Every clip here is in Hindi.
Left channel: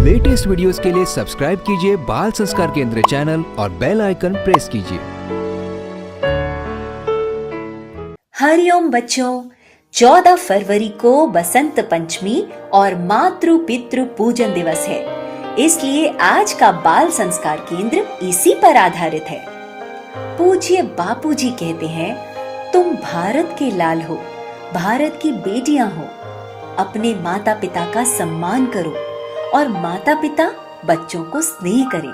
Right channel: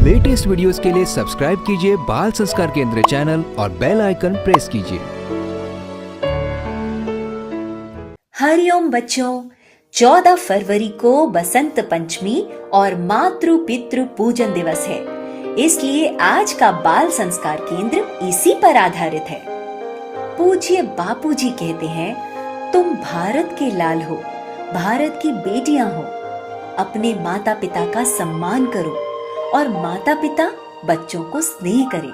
लेटेस्ट वीडियोस के लिए सब्सक्राइब कीजिए बाल संस्कार केंद्र चैनल और बेल आइकन प्रेस कीजिए। हरिओम बच्चों, 14 फरवरी को बसंत पंचमी और मातृ पितृ पूजन दिवस है, इसलिए आज का बाल संस्कार केंद्र इसी पर आधारित है। पूज्य बापूजी कहते हैं, तुम भारत के लाल हो, भारत की बेटियां हो। अपने माता पिता का सम्मान करो और माता पिता बच्चों को स्नेह करें।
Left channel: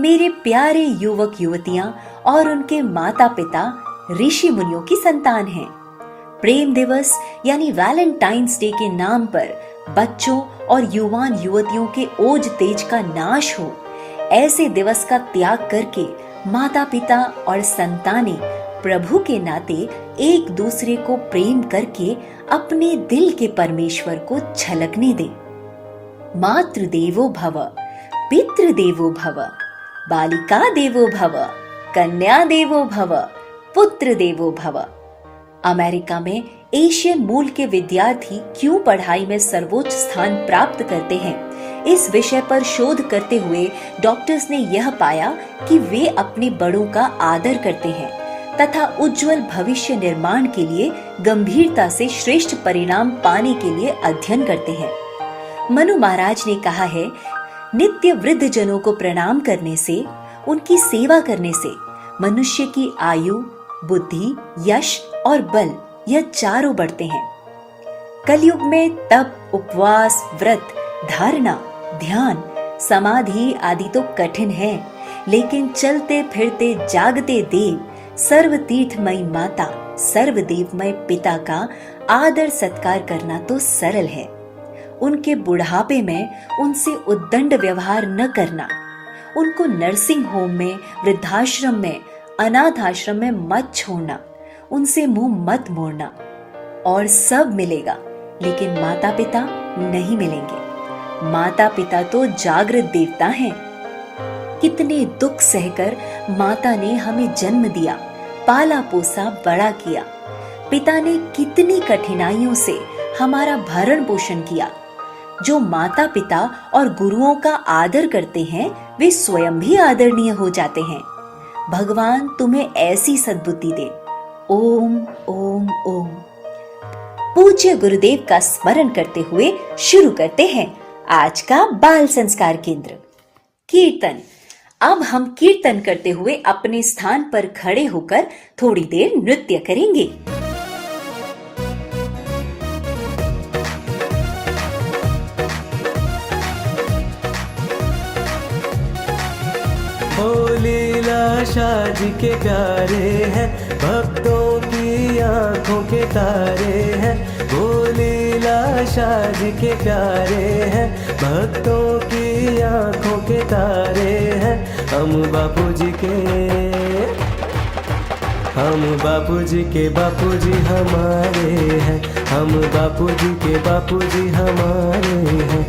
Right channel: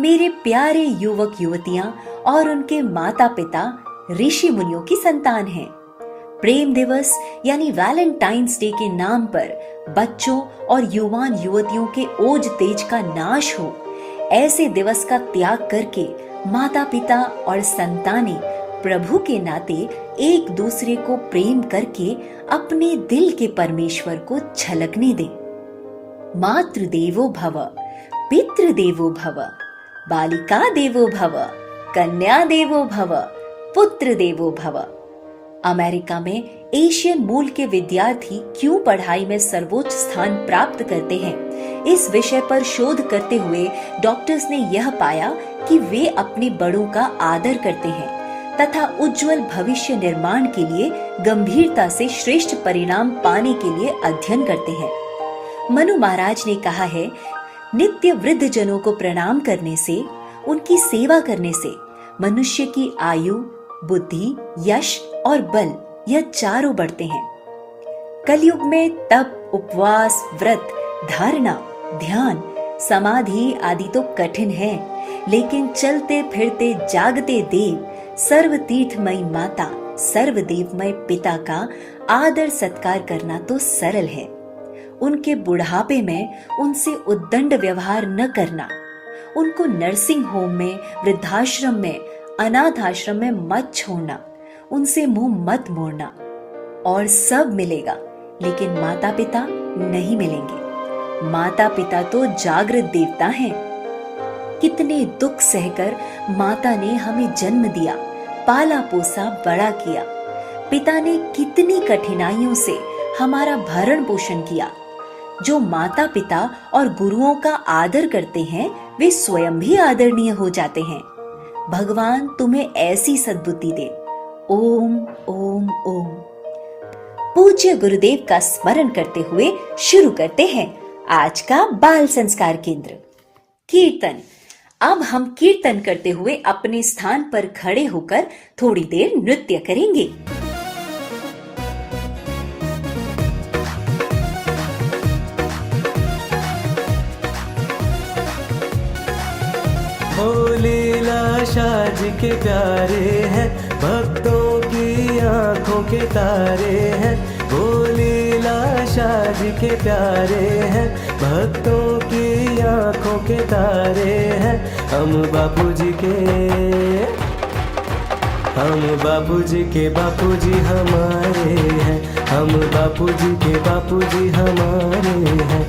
मेरे प्यारे युवक युवतियां और उनके माता पिता ऋषि मुनियों की संतान हैं। प्रेम दिवस यानी वैलेंटाइंस डे के नाम पर बच्चों और युवान युवतियों के ओज तेज का नाश हो, ऐसे दिवस का त्याग करके माता पिता और संतानें प्रभु के नाते एक दूसरे को प्रेम करके अपने दिल के परमेश्वर को झलकने दें। मातृदेवो भव, पितृदेवो भव, बालिका देवो भव, कन्या देवो भव, पुत्र देवो भव। अमेरिका में एशियन मूल के विद्यार्थी क्यों पढ़ाई में सर्वोच्च स्थान प्राप्त करते हैं, इस विषय पर शोध करते हुए डॉक्टर्स ने यह पाया कि वे अपने बड़ों का आदर करते हैं तथा उज्जवल भविष्य निर्माण के लिए गंभीरता से श्रेष्ठ परिणाम पाने के लिए अध्ययन करते हैं। मनु महाराज ने कहा है, नित्य वृद्ध जनों को प्रणाम करने से, उनकी सेवा करने से मनुष्य की आयु, बुद्धि, यश और बल यह चारों बढ़ते हैं। कलयुग में तप, उपवास, व्रत, धारणा, ध्यान, समाधि आदि तो कठिन है, लेकिन चलते फिरते जागते देव, सर्व तीर्थमयी माता, सर्वदेवमय पिता का आदर सत्कार करना तो सरल है। उनके बुढ़ापे में उनसे उद्दंड व्यवहार न करना, उनको नर्सिंग होम में, वृद्धाश्रम में, अनाथ आश्रम में मत छोड़ना, उनसे मुंह मत मोड़ना। और सब मिलेगा, लेकिन माता पिता नहीं मिलेंगे। माता पिता तो जागृत देवता हैं। कितने दुख सहकर माता ने हमें जन्म दिया, पाला पोसा, बड़ा किया। पिता ने कितनी कठिनाइयों से हमारा भरण पोषण किया। जो माता पिता और गुरुओं का आदर करते हैं, वे स्वयं भी आदरणीय हो जाते हैं। भगवान तुम्हें ऐसी सद्बुद्धि दे। ओम ओम ओम। पूज्य गुरुदेव का स्मरण करते हुए शुरू करते हैं आज का बाल संस्कार केंद्र। कीर्तन। अब हम कीर्तन करते हुए अपने स्थान पर खड़े होकर थोड़ी देर नृत्य करेंगे। ओ लीला शाह जी के प्यारे हैं, भक्तों की आंखों के तारे हैं। ओ लीला शाह जी के प्यारे हैं, भक्तों की आंखों के तारे हैं। हम बापूजी के बापूजी हमारे हैं, हम बापूजी के बापूजी हमारे हैं।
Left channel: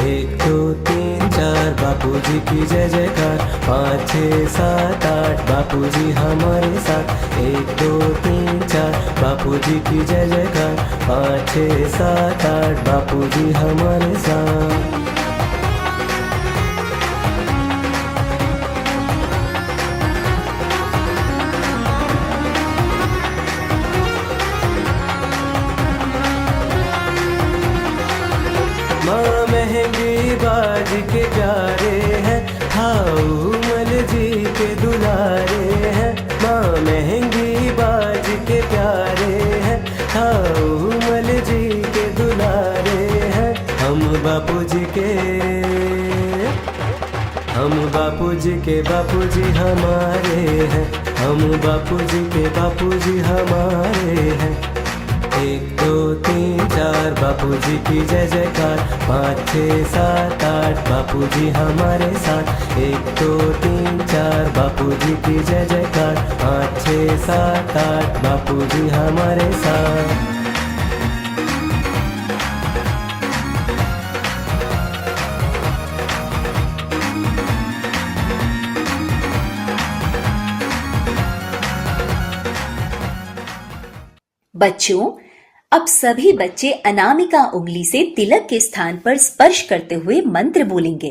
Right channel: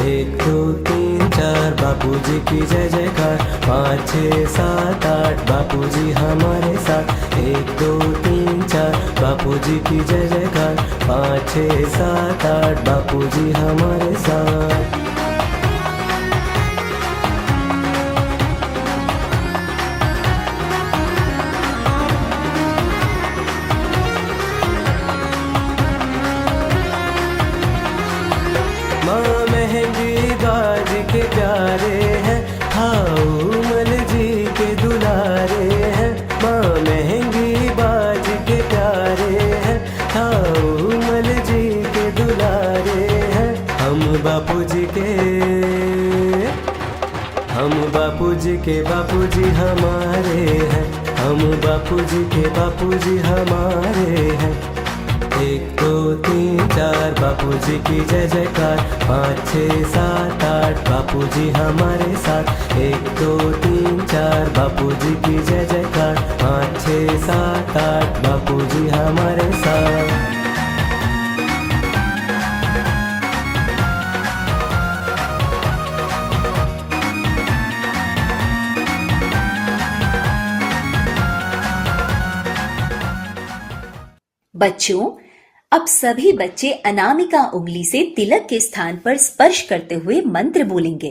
1 2 3 4 बापूजी की जय जयकार, 5 6 7 8 बापूजी हमारे साथ। 1 2 3 4 बापूजी की जय जयकार, 5 6 7 8 बापूजी हमारे साथ। माँ महंगी बाजी के प्यारे हैं, हाउमल जी के दुलारे हैं। माँ महंगी बाजी के प्यारे हैं, हाउमल जी के दुलारे हैं। हम बापूजी के बापूजी हमारे हैं, हम बापूजी के बापूजी हमारे हैं। 1 2 3 4 बापूजी की जय जयकार, 5 6 7 8 बापूजी हमारे साथ। 1 2 3 4 बापूजी की जय जयकार, 5 6 7 8 बापूजी हमारे साथ। बच्चों, अब सभी बच्चे अनामिका उंगली से तिलक के स्थान पर स्पर्श करते हुए मंत्र बोलेंगे।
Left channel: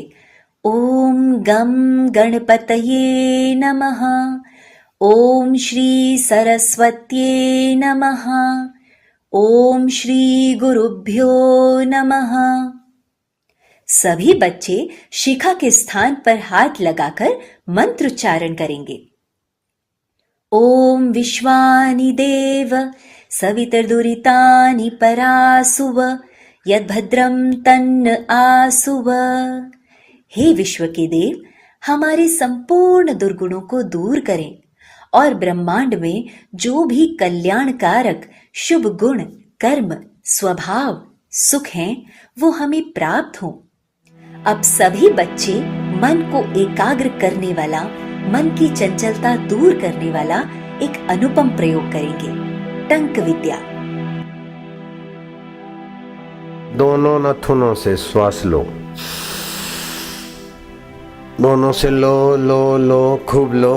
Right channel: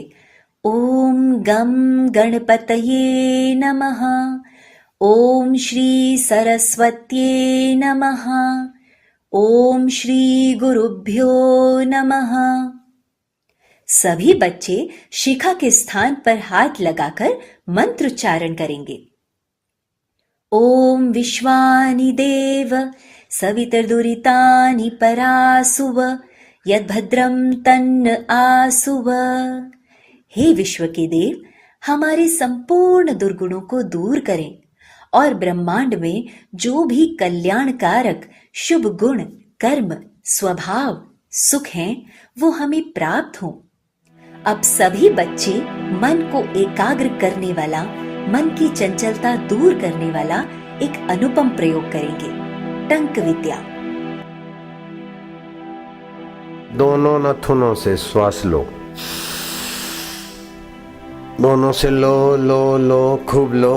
ओम गम गणपतये नमः। ओम श्री सरस्वत्ये नमः। ओम श्री गुरुभ्यो नमः। सभी बच्चे शिखा के स्थान पर हाथ लगाकर मंत्रोच्चारण करेंगे। ओम विश्वानि देव सवितर्दुरितानि परासुव यद्भद्रं तन्न आसुव। हे विश्व के देव, हमारे संपूर्ण दुर्गुणों को दूर करें और ब्रह्मांड में जो भी कल्याणकारक शुभ गुण, कर्म, स्वभाव, सुख हैं, वो हमें प्राप्त हों। अब सभी बच्चे मन को एकाग्र करने वाला, मन की चंचलता दूर करने वाला एक अनुपम प्रयोग करेंगे, टंक विद्या। दोनों नथुनों से श्वास लो, दोनों से लो लो लो, खूब लो।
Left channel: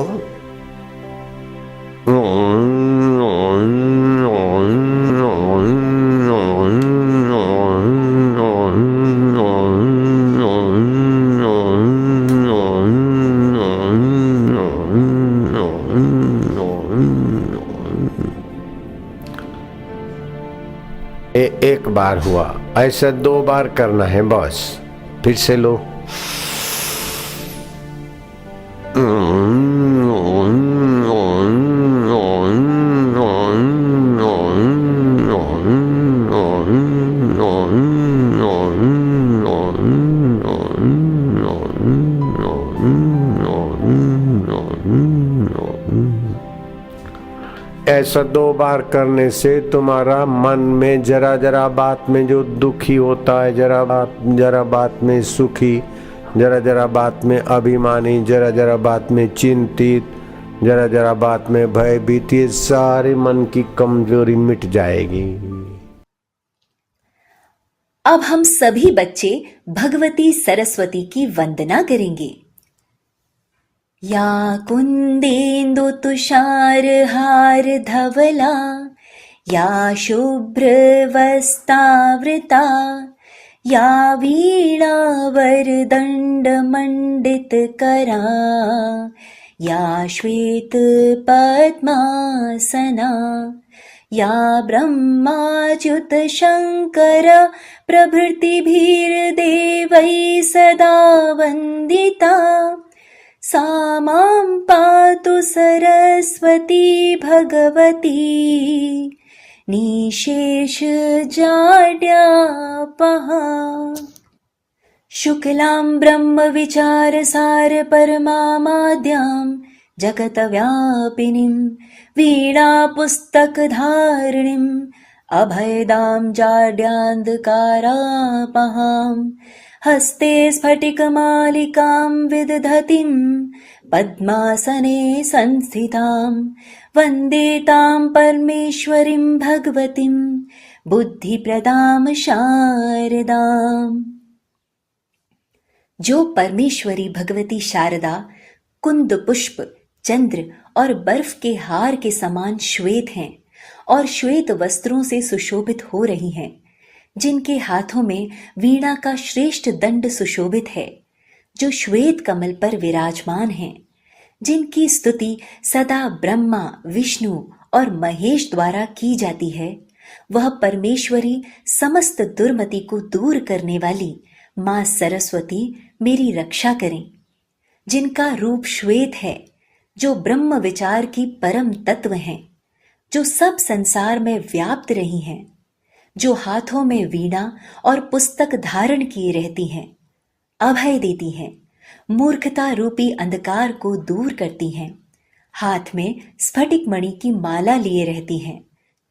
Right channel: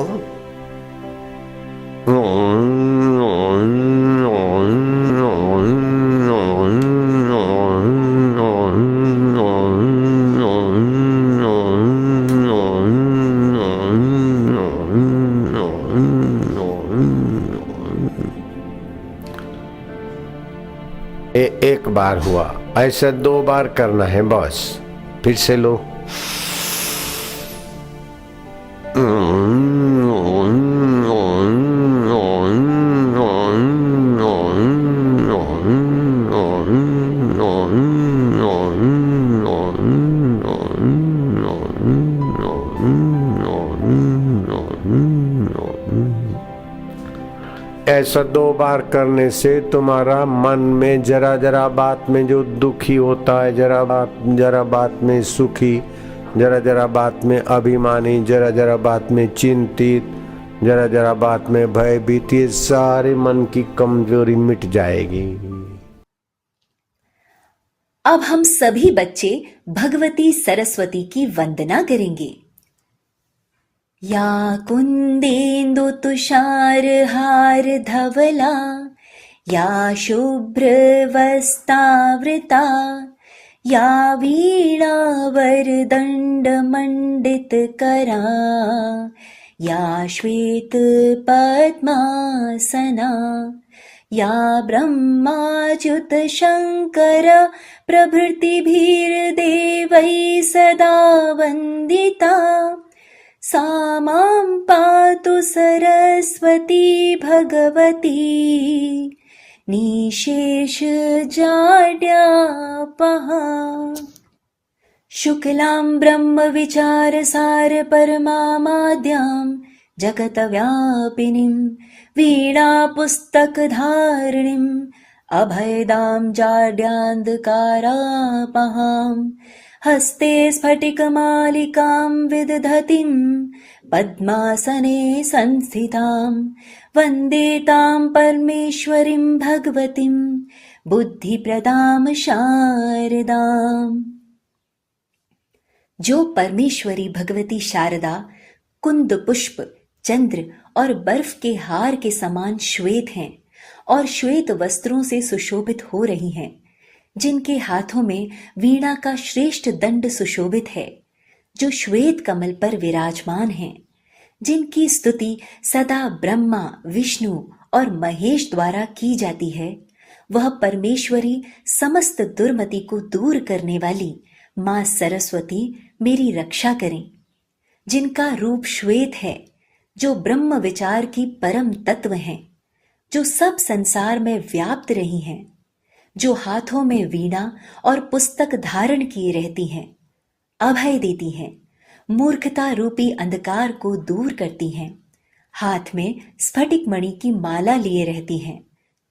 एक बार हुआ, ऐसा 2 बार करना है बस। फिर से लो। ऐसा 2 बार करने से तुम्हारा मन में जरा जरा बात में जो दुखी होता है, जरा बात में सुखी, जरा जरा बात में अभिमानी, जरा जरा बात में चिंतित, जरा जरा बात में भयभीत, ये सारे मन की कमजोरी मिट जाएगी। अब हम सभी बच्चे भगवती सरस्वती की वंदना करेंगे। या कुंदेन्दु तुषार हार धवला, या शुभ्र वस्तावृता, या वीणा वरदंड मंडित करा, या श्वेत पद्मासना, या ब्रह्माच्युत शंकर प्रभृतिभिर्देवैः सदा वंदिता, सा मां पातु सरस्वती भगवती निशेष जाड्यापहा। शुक्लां ब्रह्म विचार सार परमामाद्यां जगतव्यापिनीं वीणा पुस्तक धारिणीं अभयदां जाड्यान्धकारापहां। हस्ते स्फटिकमालिकां विदधतीं पद्मासने संस्थितां वन्दे तां परमेश्वरीं भगवतीं बुद्धिप्रदां शारदाम्। जो परमेश्वरी भगवती शारदा कुंद पुष्प, चंद्र और बर्फ के हार के समान श्वेत हैं और श्वेत वस्त्रों से सुशोभित हो रही हैं, जिनके हाथों में वीणा का श्रेष्ठ दंड सुशोभित है, जो श्वेत कमल पर विराजमान है, जिनकी स्तुति सदा ब्रह्मा, विष्णु और महेश द्वारा की जाती है, वह परमेश्वरी समस्त दुर्मति को दूर करने वाली मां सरस्वती मेरी रक्षा करें। जिनका रूप श्वेत है, जो ब्रह्म विचार की परम तत्व हैं, जो सब संसार में व्याप्त रही हैं, जो हाथों में वीणा और पुस्तक धारण किए रहती हैं, अभय देती हैं, मूर्खता रूपी अंधकार को दूर करती हैं, हाथ में स्फटिक मणि की माला लिए रहती हैं,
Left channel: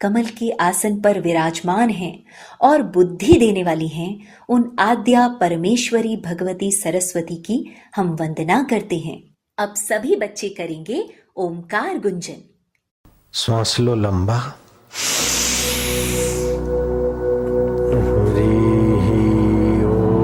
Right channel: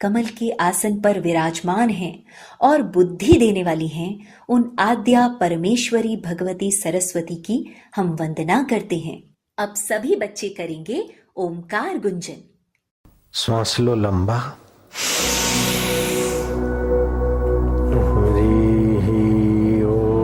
कमल के आसन पर विराजमान हैं और बुद्धि देने वाली हैं, उन आद्या परमेश्वरी भगवती सरस्वती की हम वंदना करते हैं। अब सभी बच्चे करेंगे ओमकार गुंजन। श्वास लो लंबा। हरि ओम।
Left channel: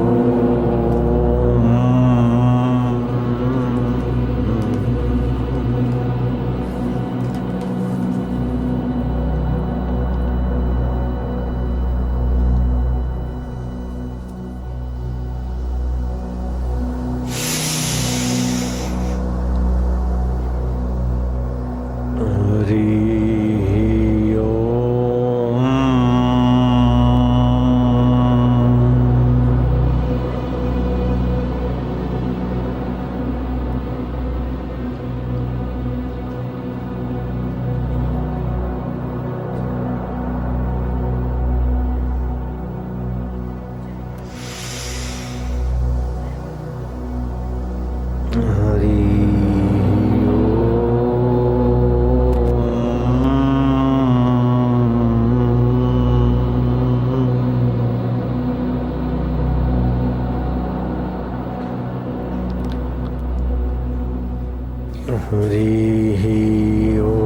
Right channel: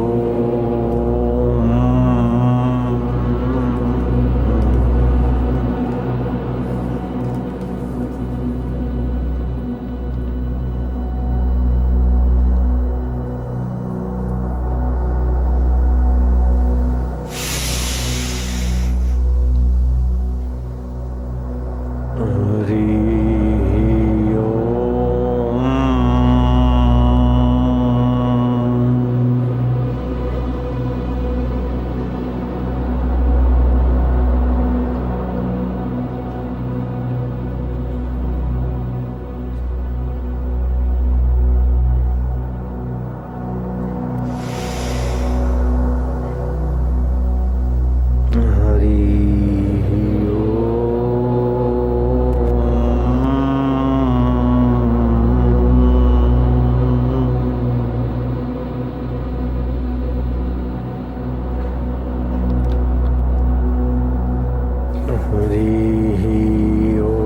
हरि ओम। हरि ओम।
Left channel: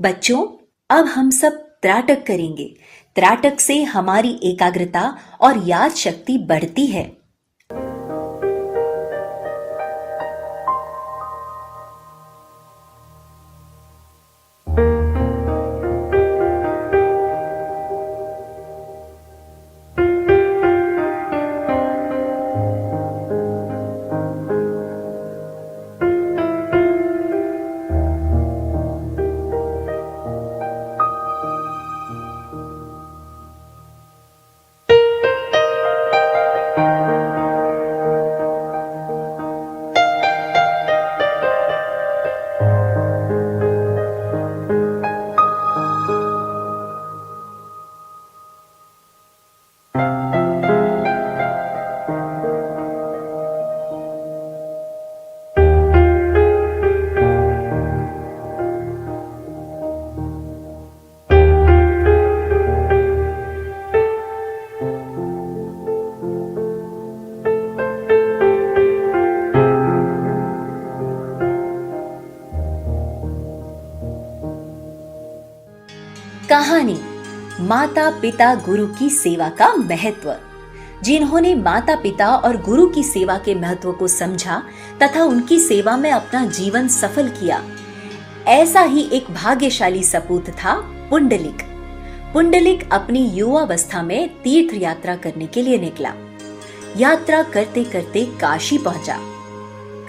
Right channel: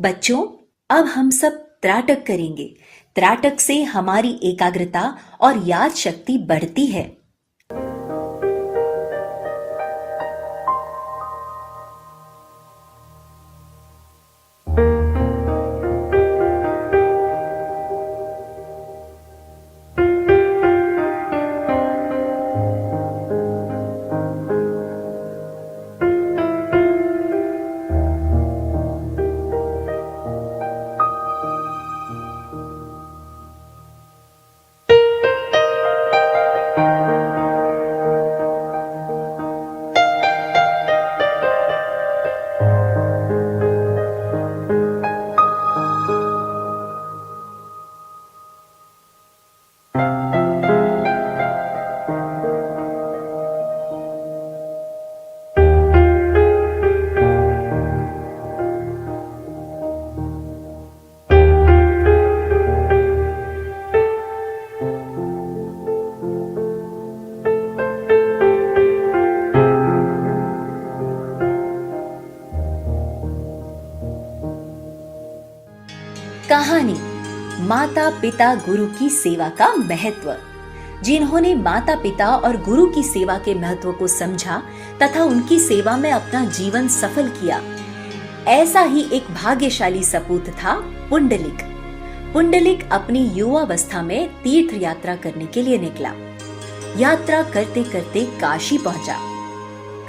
बच्चों, अब हम सब त्राटक करेंगे। त्राटक से हमारी एकाग्रता और याद शक्ति बढ़ती है। कहानी माता पिता गुरु की सेवा का महत्व। जिन्होंने माता पिता और गुरु की सेवा के महत्व को समझा तथा उनकी सेवा में अपना जीवन सफल किया, ऐसा ही एक भाग्यशाली सपूत था पुंडलिक। पुंडलिक अपनी युवावस्था में तीर्थ यात्रा करने के लिए निकला। यात्रा करते करते काशी पहुंचा।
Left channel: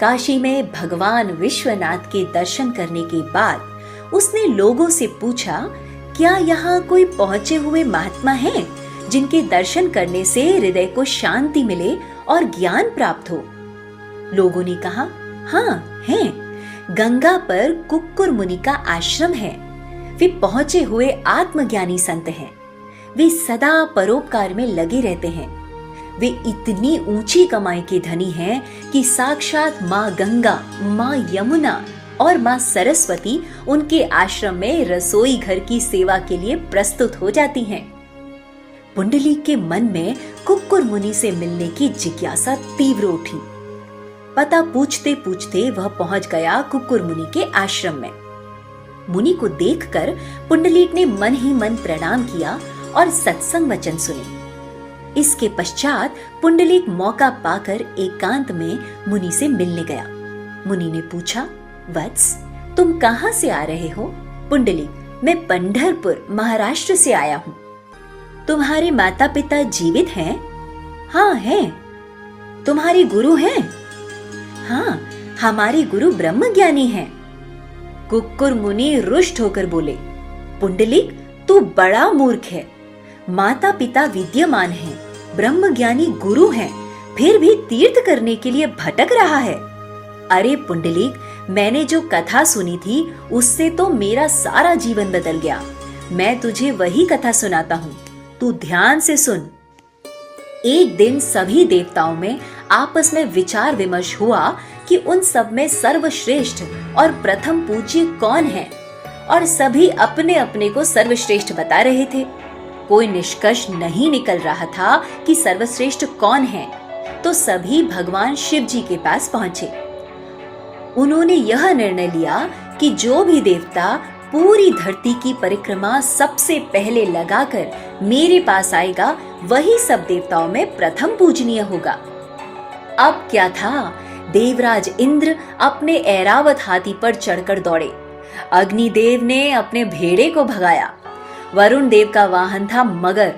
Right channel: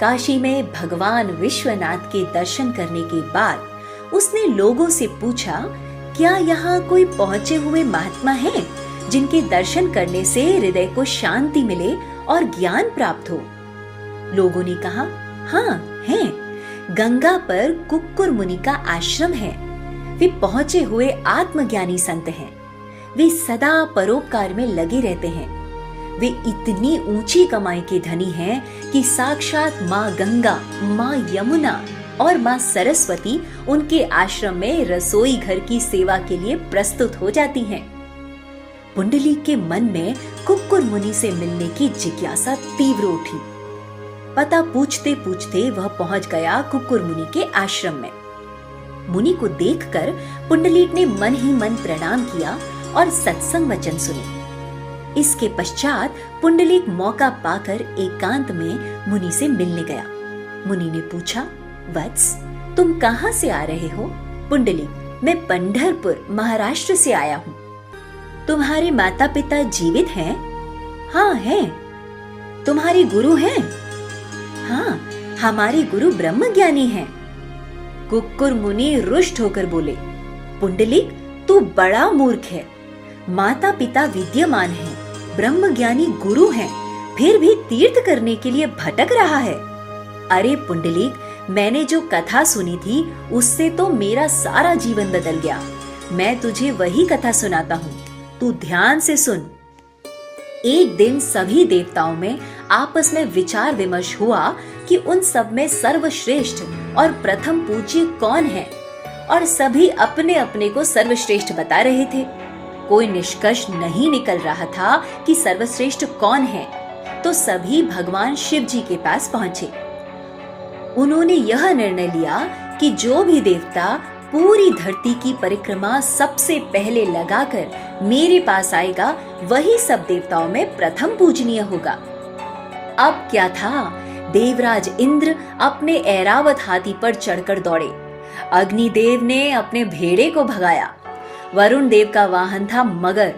काशी में भगवान विश्वनाथ के दर्शन करने के बाद उसने लोगों से पूछा, क्या यहाँ कोई पहुंचे हुए महात्मा है जिनके दर्शन करने से हृदय को शांति मिले और ज्ञान प्राप्त हो? लोगों ने कहा, हाँ है। गंगा पर कुक्कुर मुनि का आश्रम है। वे पहुंचे हुए आत्मज्ञानी संत हैं। वे सदा परोपकार में लगे रहते हैं। वे इतनी ऊंची कमाई के धनी हैं कि साक्षात माँ गंगा, माँ यमुना और माँ सरस्वती उनके आश्रम में रसोई घर की सेवा के लिए प्रस्तुत हो जाती हैं। पुंडलिक के मन में कुक्कुर मुनि से मिलने की जिज्ञासा तीव्र उठी। पता पूछते पूछते वह पहुंच गया कुक्कुर मुनि के आश्रम में। मुनि को देखकर पुंडलिक ने मन ही मन प्रणाम किया और सत्संग वचन सुने। इसके पश्चात पुंडलिक मौका पाकर एकांत में मुनि से मिलने गया। मुनि ने पूछा, वत्स, तुम कहाँ से आ रहे हो? पुंडलिक, मैं पंढरपुर महाराष्ट्र से आया हूँ। तुम्हारे माता पिता जीवित हैं? हाँ हैं। तुम्हारे गुरु हैं? हाँ, हमारे गुरु ब्रह्मज्ञानी हैं। कुक्कुर मुनि रुष्ट होकर बोले, पुंडलिक, तू बड़ा मूर्ख है। माता पिता विद्यमान है, ब्रह्मज्ञानी गुरु है, फिर भी तीर्थ करने के लिए भटक रहा है। अरे पुंडलिक, मैंने जो कथा सुनी थी उससे तो मेरा सारा जीवन बदल गया। मैं तुझे वही कथा सुनाता हूँ, तू ध्यान से सुन। एक दिन सभी देवताओं में आपस में विचार विमर्श हुआ कि उन सब में सर्वश्रेष्ठ और प्रथम पूज्य कौन है, और सभी अपने अपने को सर्वश्रेष्ठ बता रहे थे। कोई निष्कर्ष नहीं निकल रहा था कि सर्वश्रेष्ठ कौन है, तो सभी भगवान शिव जी के पास पहुंचे। उन्होंने यह निर्णय लिया कि जो भी देवता पूरी धरती की परिक्रमा सबसे पहले लगाकर मेरे पास आएगा, वही सब देवताओं में प्रथम पूजनीय होगा। अब क्या था, देवराज इंद्र अपने ऐरावत हाथी पर चढ़कर दौड़े। अग्निदेव ने अपने भेड़े को भगाया। वरुण देव का वाहन था मगर,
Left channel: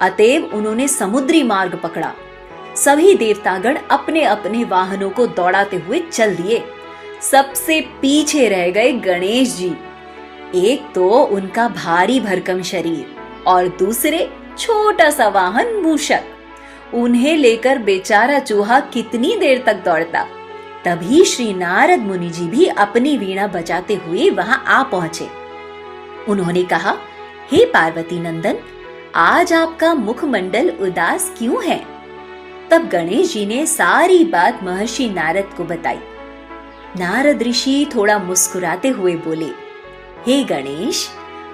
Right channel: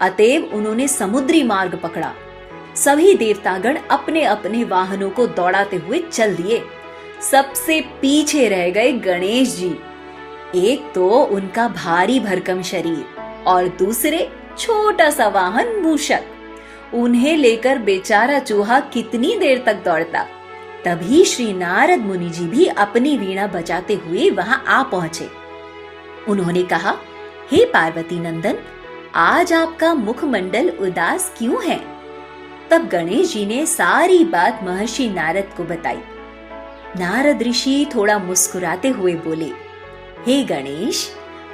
अतएव उन्होंने समुद्री मार्ग पकड़ा। सभी देवतागण अपने अपने वाहनों को दौड़ाते हुए चल दिए। सबसे पीछे रह गए गणेश जी। एक तो उनका भारी भरकम शरीर और दूसरे छोटा सा वाहन मूषक। उन्हें लेकर बेचारा चूहा कितनी देर तक दौड़ता। तभी श्री नारद मुनि जी भी अपनी वीणा बजाते हुए वहां आ पहुंचे। उन्होंने कहा, हे पार्वती नंदन, आज आपका मुखमंडल उदास क्यों है? तब गणेश जी ने सारी बात महर्षि नारद को बताई। नारद ऋषि थोड़ा मुस्कुराते हुए बोले, हे गणेश,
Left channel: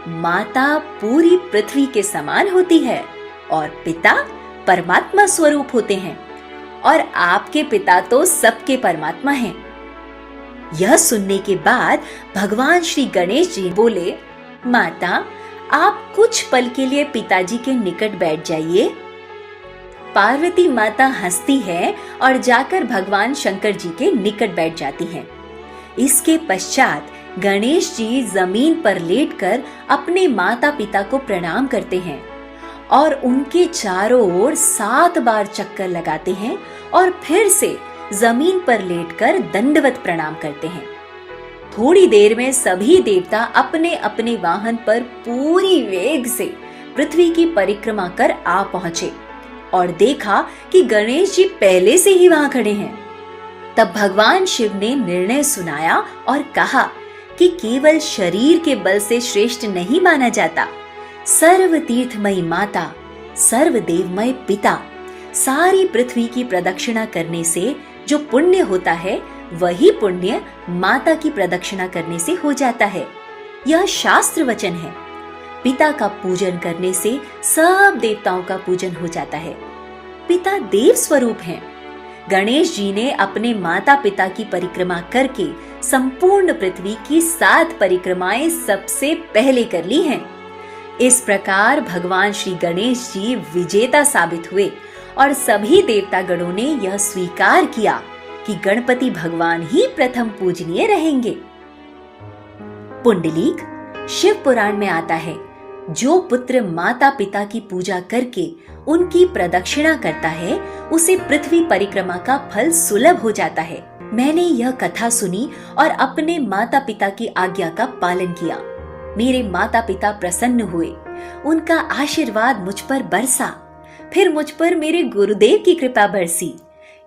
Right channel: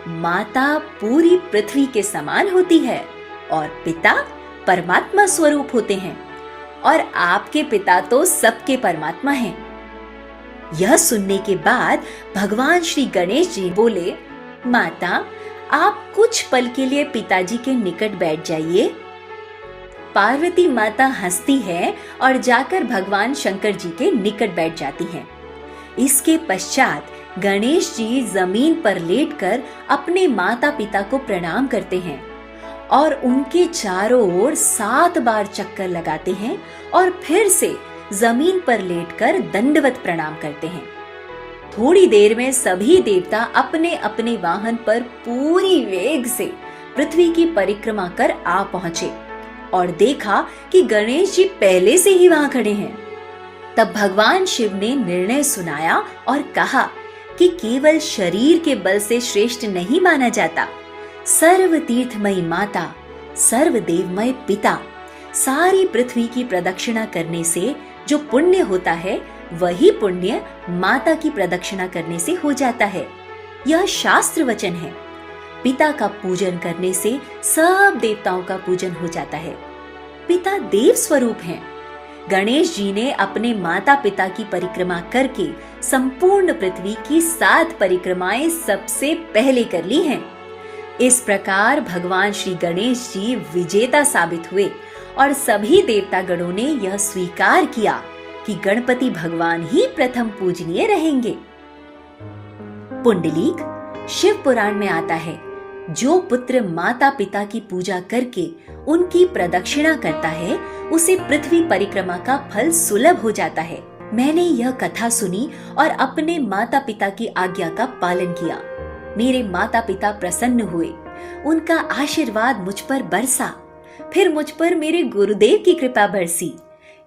माता पूरी पृथ्वी के समान होती है और पिता परमात्मा स्वरूप होते हैं, और आपके पिता तो सबके परमात्मा हैं। यह सुनने के बाद भगवान श्री गणेश जी बोले, माता, आप कुछ पल के लिए पिताजी के निकट बैठ जाइए। पार्वती माता हंसती है और जाकर भगवान शंकर जी के निकट बैठ जाती है। इसके पश्चात गणेश जी जमीन पर लेटकर अपने माता पिता को प्रणाम करते हैं और उनके चारों ओर 7 बार चक्कर लगाते हैं और फिर से जमीन पर लेटकर दंडवत प्रणाम करते हैं। थोड़ी देर में सभी देवता अपने अपने वाहन पर पूरी वेग से पृथ्वी की परिक्रमा कर आ पहुंचे और देखा कि गणेश जी पहले से ही वहां खड़े हैं। तब भगवान शिव ने निर्णय सुनाया और कहा कि केवल शरीर के बल से श्रेष्ठ नहीं माना जाता। सर्व तीर्थमयी माता, सर्व देवमय पिता, सारी पृथ्वी की प्रदक्षिणा करने से जो पुण्य होता है, वही पुण्य माता की प्रदक्षिणा करने से हो जाता है। यह शास्त्र वचन है। पिता का पूजन करने से सब देवताओं का पूजन हो जाता है। पिता देव स्वरूप हैं। गणेश जी ने अपने माता पिता की परिक्रमा करके संपूर्ण पृथ्वी की 7 परिक्रमाएं सबसे पहले कर ली हैं। इस प्रकार भगवान श्री गणेश जी विजेता साबित हुए और सभी देवता गणों ने यह स्वीकार किया कि गणपति भगवान ही प्रथम पूजनीय रहेंगे। पुंडलीक शिव पुराण में आता है, जो पुत्र माता पिता की पूजा करके उनकी प्रदक्षिणा करता है, उसे पृथ्वी परिक्रमा का फल सुलभ हो जाता है। मैंने यह कथा सुनी और अपने माता पिता की आज्ञा का पालन किया। मेरे माता पिता प्रसन्न हुए, उनका आशीर्वाद मुझ पर बरसा, फिर मुझ पर मेरे गुरुदेव की कृपा बरसी।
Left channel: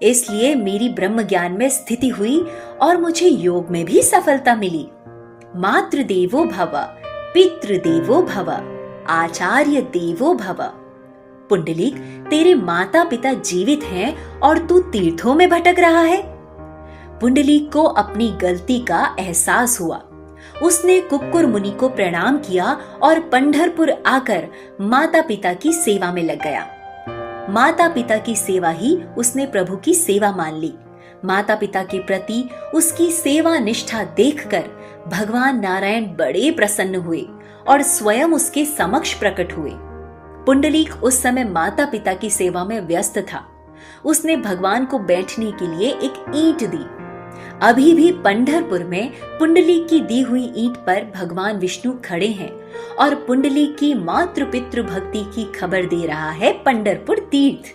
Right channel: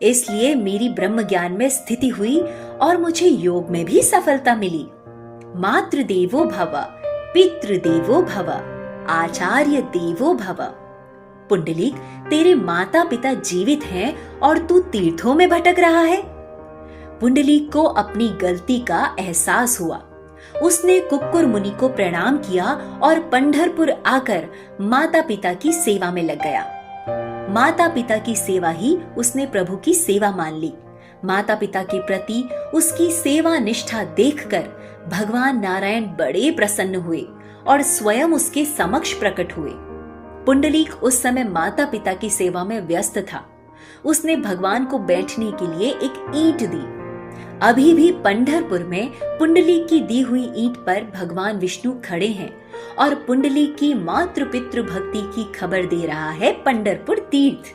इसलिए मेरी ब्रह्म ज्ञान में स्थिति हुई और मुझे योग में भी सफलता मिली। मातृदेवो भव, पितृदेवो भव, आचार्य देवो भव। पुंडलीक, तेरे माता पिता जीवित हैं और तू तीर्थों में भटक रहा है। पुंडलीक को अपनी गलती का एहसास हुआ। उसने कुक्कुर मुनि को प्रणाम किया और पंढरपुर आकर माता पिता की सेवा में लग गया। माता पिता की सेवा ही उसने प्रभु की सेवा मान ली। माता पिता के प्रति उसकी सेवा निष्ठा देखकर भगवान नारायण बड़े प्रसन्न हुए और स्वयं उसके समक्ष प्रकट हुए। पुंडलीक उस समय माता पिता की सेवा में व्यस्त था। उसने भगवान को बैठने के लिए एक ईंट दी। अभी भी पंढरपुर में पुंडलीक की दी हुई ईंट पर भगवान विष्णु खड़े हैं और पुंडलीक की मातृ पितृ भक्ति की खबर दे रहा है पंढरपुर तीर्थ।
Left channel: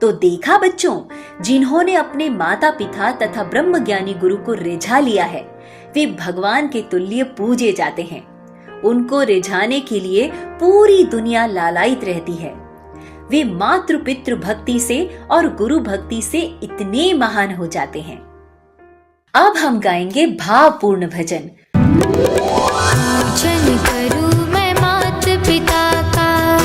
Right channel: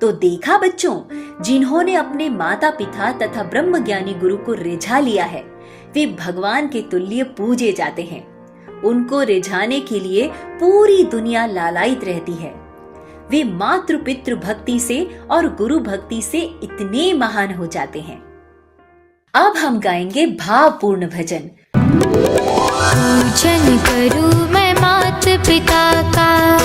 तो देखा बच्चों, जिन्होंने अपने माता पिता तथा ब्रह्मज्ञानी गुरु को रिझा लिया है, वे भगवान के तुल्य पूजे जाते हैं। उनको रिझाने के लिए पूरी दुनिया लालायित रहती है। वे मातृ पितृ भक्ति से और गुरु भक्ति से इतने महान हो जाते हैं। अब हम गाएंगे भावपूर्ण भजन। पूजन करूं मैं मात पिता का,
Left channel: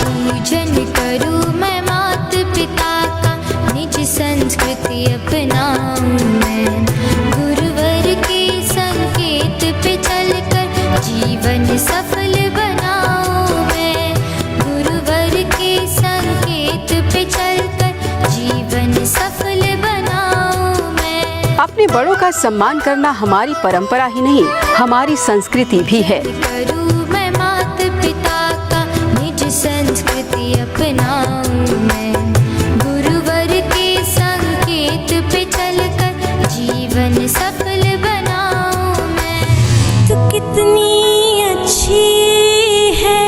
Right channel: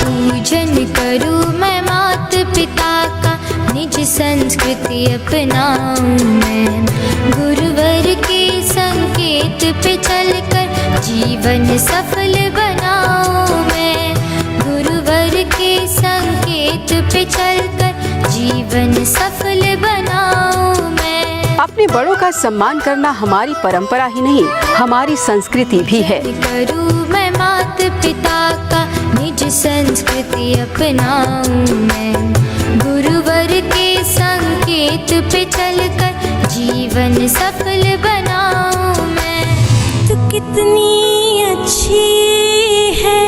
पूजन करूं मैं मात पिता का, निज संस्कृति अपनाऊं मैं, गुरुवर के संकेत पे चलकर जीवन सफल बनाऊं मैं, गुरुवर के संकेत पे चलकर जीवन सफल बनाऊं मैं। अपने बड़ों का सम्मान करना हमारी परंपरा ही नहीं, हमारी संस्कृति भी है। करूं मैं मात पिता का, निज संस्कृति अपनाऊं मैं, गुरु गुरुवर के संकेत पे चलकर जीवन सफल बनाऊं मैं। तू कितनी अच्छी है,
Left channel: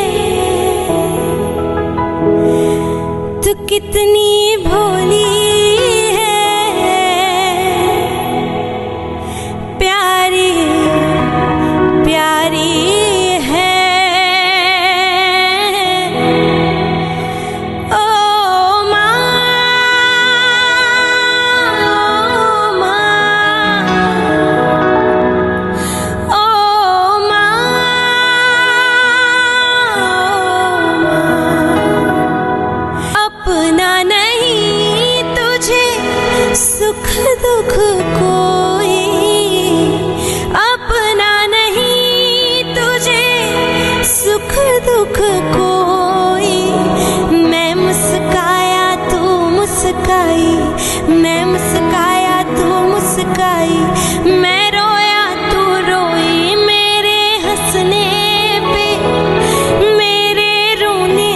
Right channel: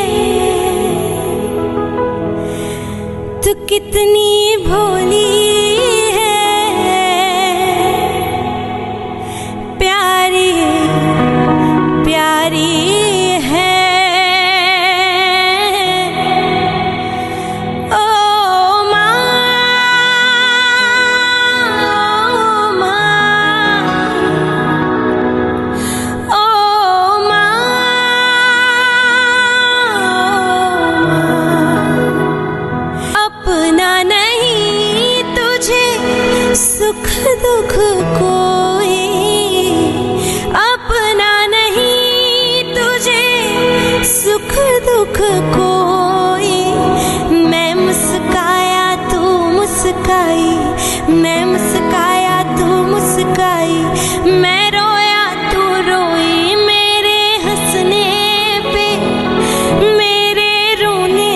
तू कितनी भोली है, प्यारी प्यारी है। ओ माँ, ओ माँ, अपना नहीं तुझे सुख दुख कोई, अपना नहीं तुझे सुख दुख कोई। मैं मुस्काया तू मुस्काई, मैं मुस्काया तू मुस्काई, मैं रोया तू रोई। मेरे हंसने पे मेरे रोने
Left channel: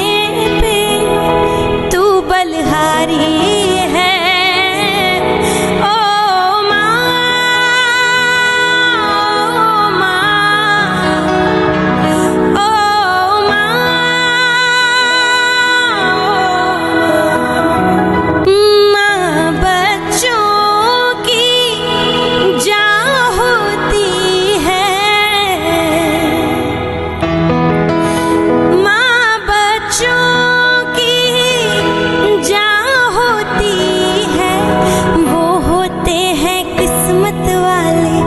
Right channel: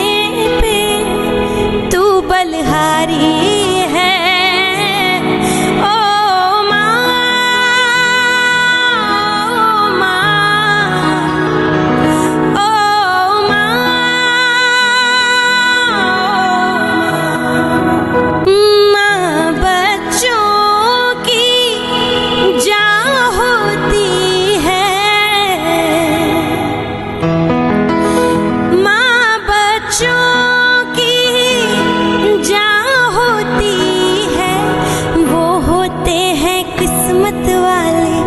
पे तू बलहारी है। ओ माँ, ओ माँ, ओ माँ, माँ बच्चों की जान होती है, माँ बच्चों की जान होती है। वो होते हैं किस्मत वाले,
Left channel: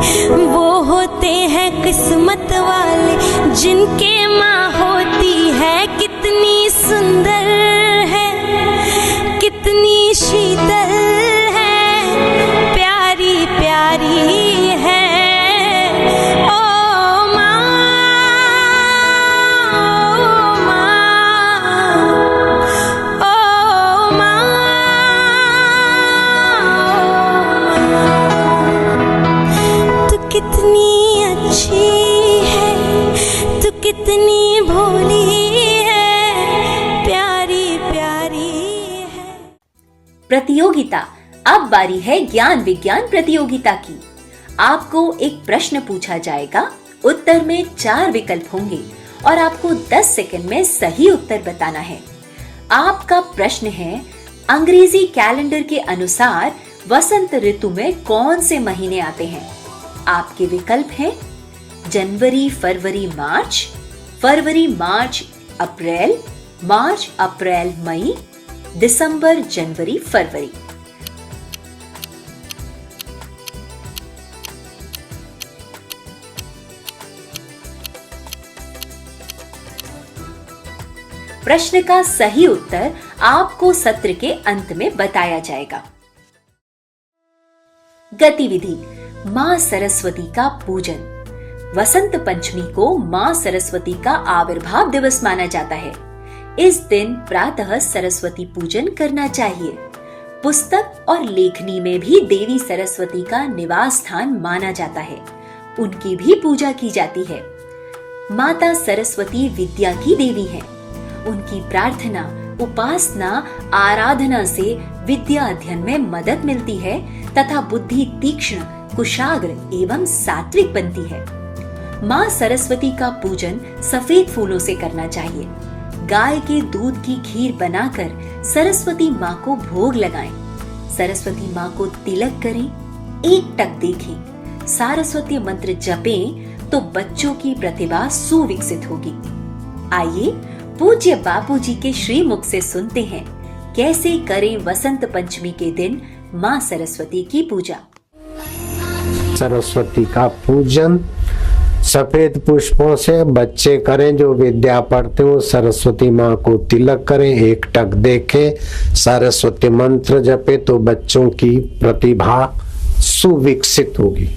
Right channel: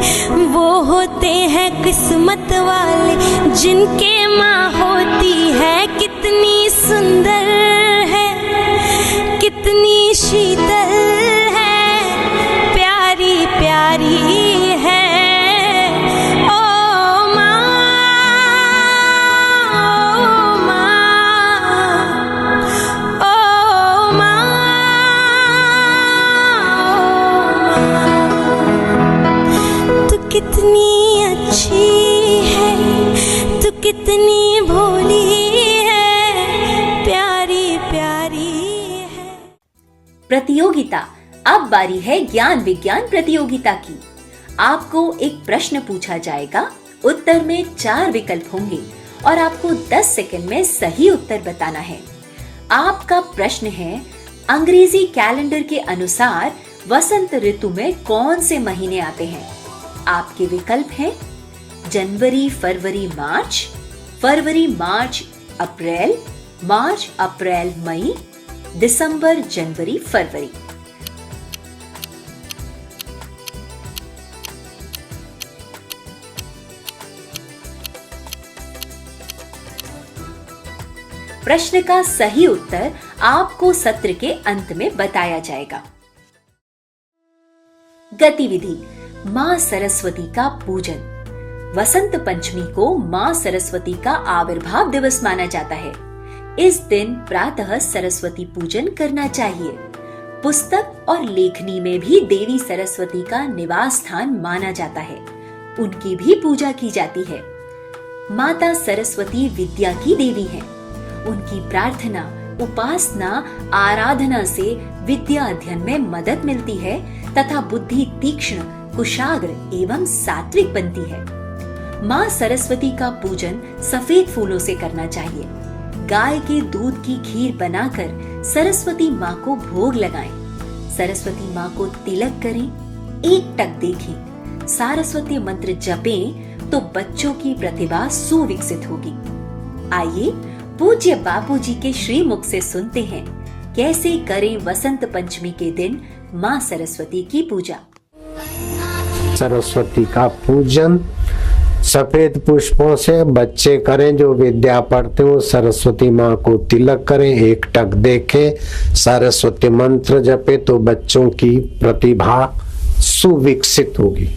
वो होते हैं किस्मत वाले, जिनके माँ होती है। कितनी सुंदर है, कितनी शीतल है, प्यारी प्यारी है। ओ माँ, ओ माँ, ओ माँ, तू कितनी अच्छी है, तू कितनी भोली है, प्यारी प्यारी है। प्रतियोगिता। अब बारी है ज्ञान विज्ञान प्रतियोगिता की। आपको एक प्रश्न पूछा जाएगा, उत्तर में 4 विकल्प होंगे और आपको 10 सेकंड में सही उत्तर बताना है। आपका प्रश्न है, अंग्रेजी कैलेंडर के अनुसार वसंत ऋतु में कौन से महीने आते हैं? आपके विकल्प हैं जनवरी फरवरी मार्च, फरवरी मार्च अप्रैल, मार्च अप्रैल मई, दिसंबर जनवरी फरवरी। प्रश्न का सही उत्तर आपको सत्र के अंत में बताया जाएगा। गतिविधि, माँ सरस्वती का पूजन। वसंत पंचमी को माँ सरस्वती का आविर्भाव दिवस माना जाता है। इस दिन प्रातः सरस्वती पूजन करना चाहिए। पुस्तक और लेखनी में भी देवी सरस्वती का निवास स्थान माना जाता है। उनकी भी पूजा की जाती है। माता सरस्वती विद्या की देवी है। उनकी प्रार्थना, उपासना, आराधना से विद्या अध्ययन में मदद मिलती है तथा बुद्धि तीक्ष्ण, कुशाग्र एवं सात्विक बनती है। माँ सरस्वती का पूजन सफेद फूलों से करना चाहिए। गाय के दूध की खीर बनाकर सरस्वती माँ को भोग लगाएं। सरस्वती माँ को तिलक करें, एक टक देखें, सरस्वती मंत्र जपें तो बच्चों की प्रतिभा सुविकसित होगी। आइए पूज्य बापूजी के श्रीमुख से सुनते हैं कैसे करें वसंत पंचमी के दिन माँ सरस्वती की पूजा। सरस्वती का पूजन सफेद पुष्पों से बच्चे करें। जो विद्या पढ़ते हो सरस्वती माँ को तिलक करें, एक टक देखें, सरस्वती मंत्र जपे तो बच्चों की प्रतिभा सुविकसित होगी।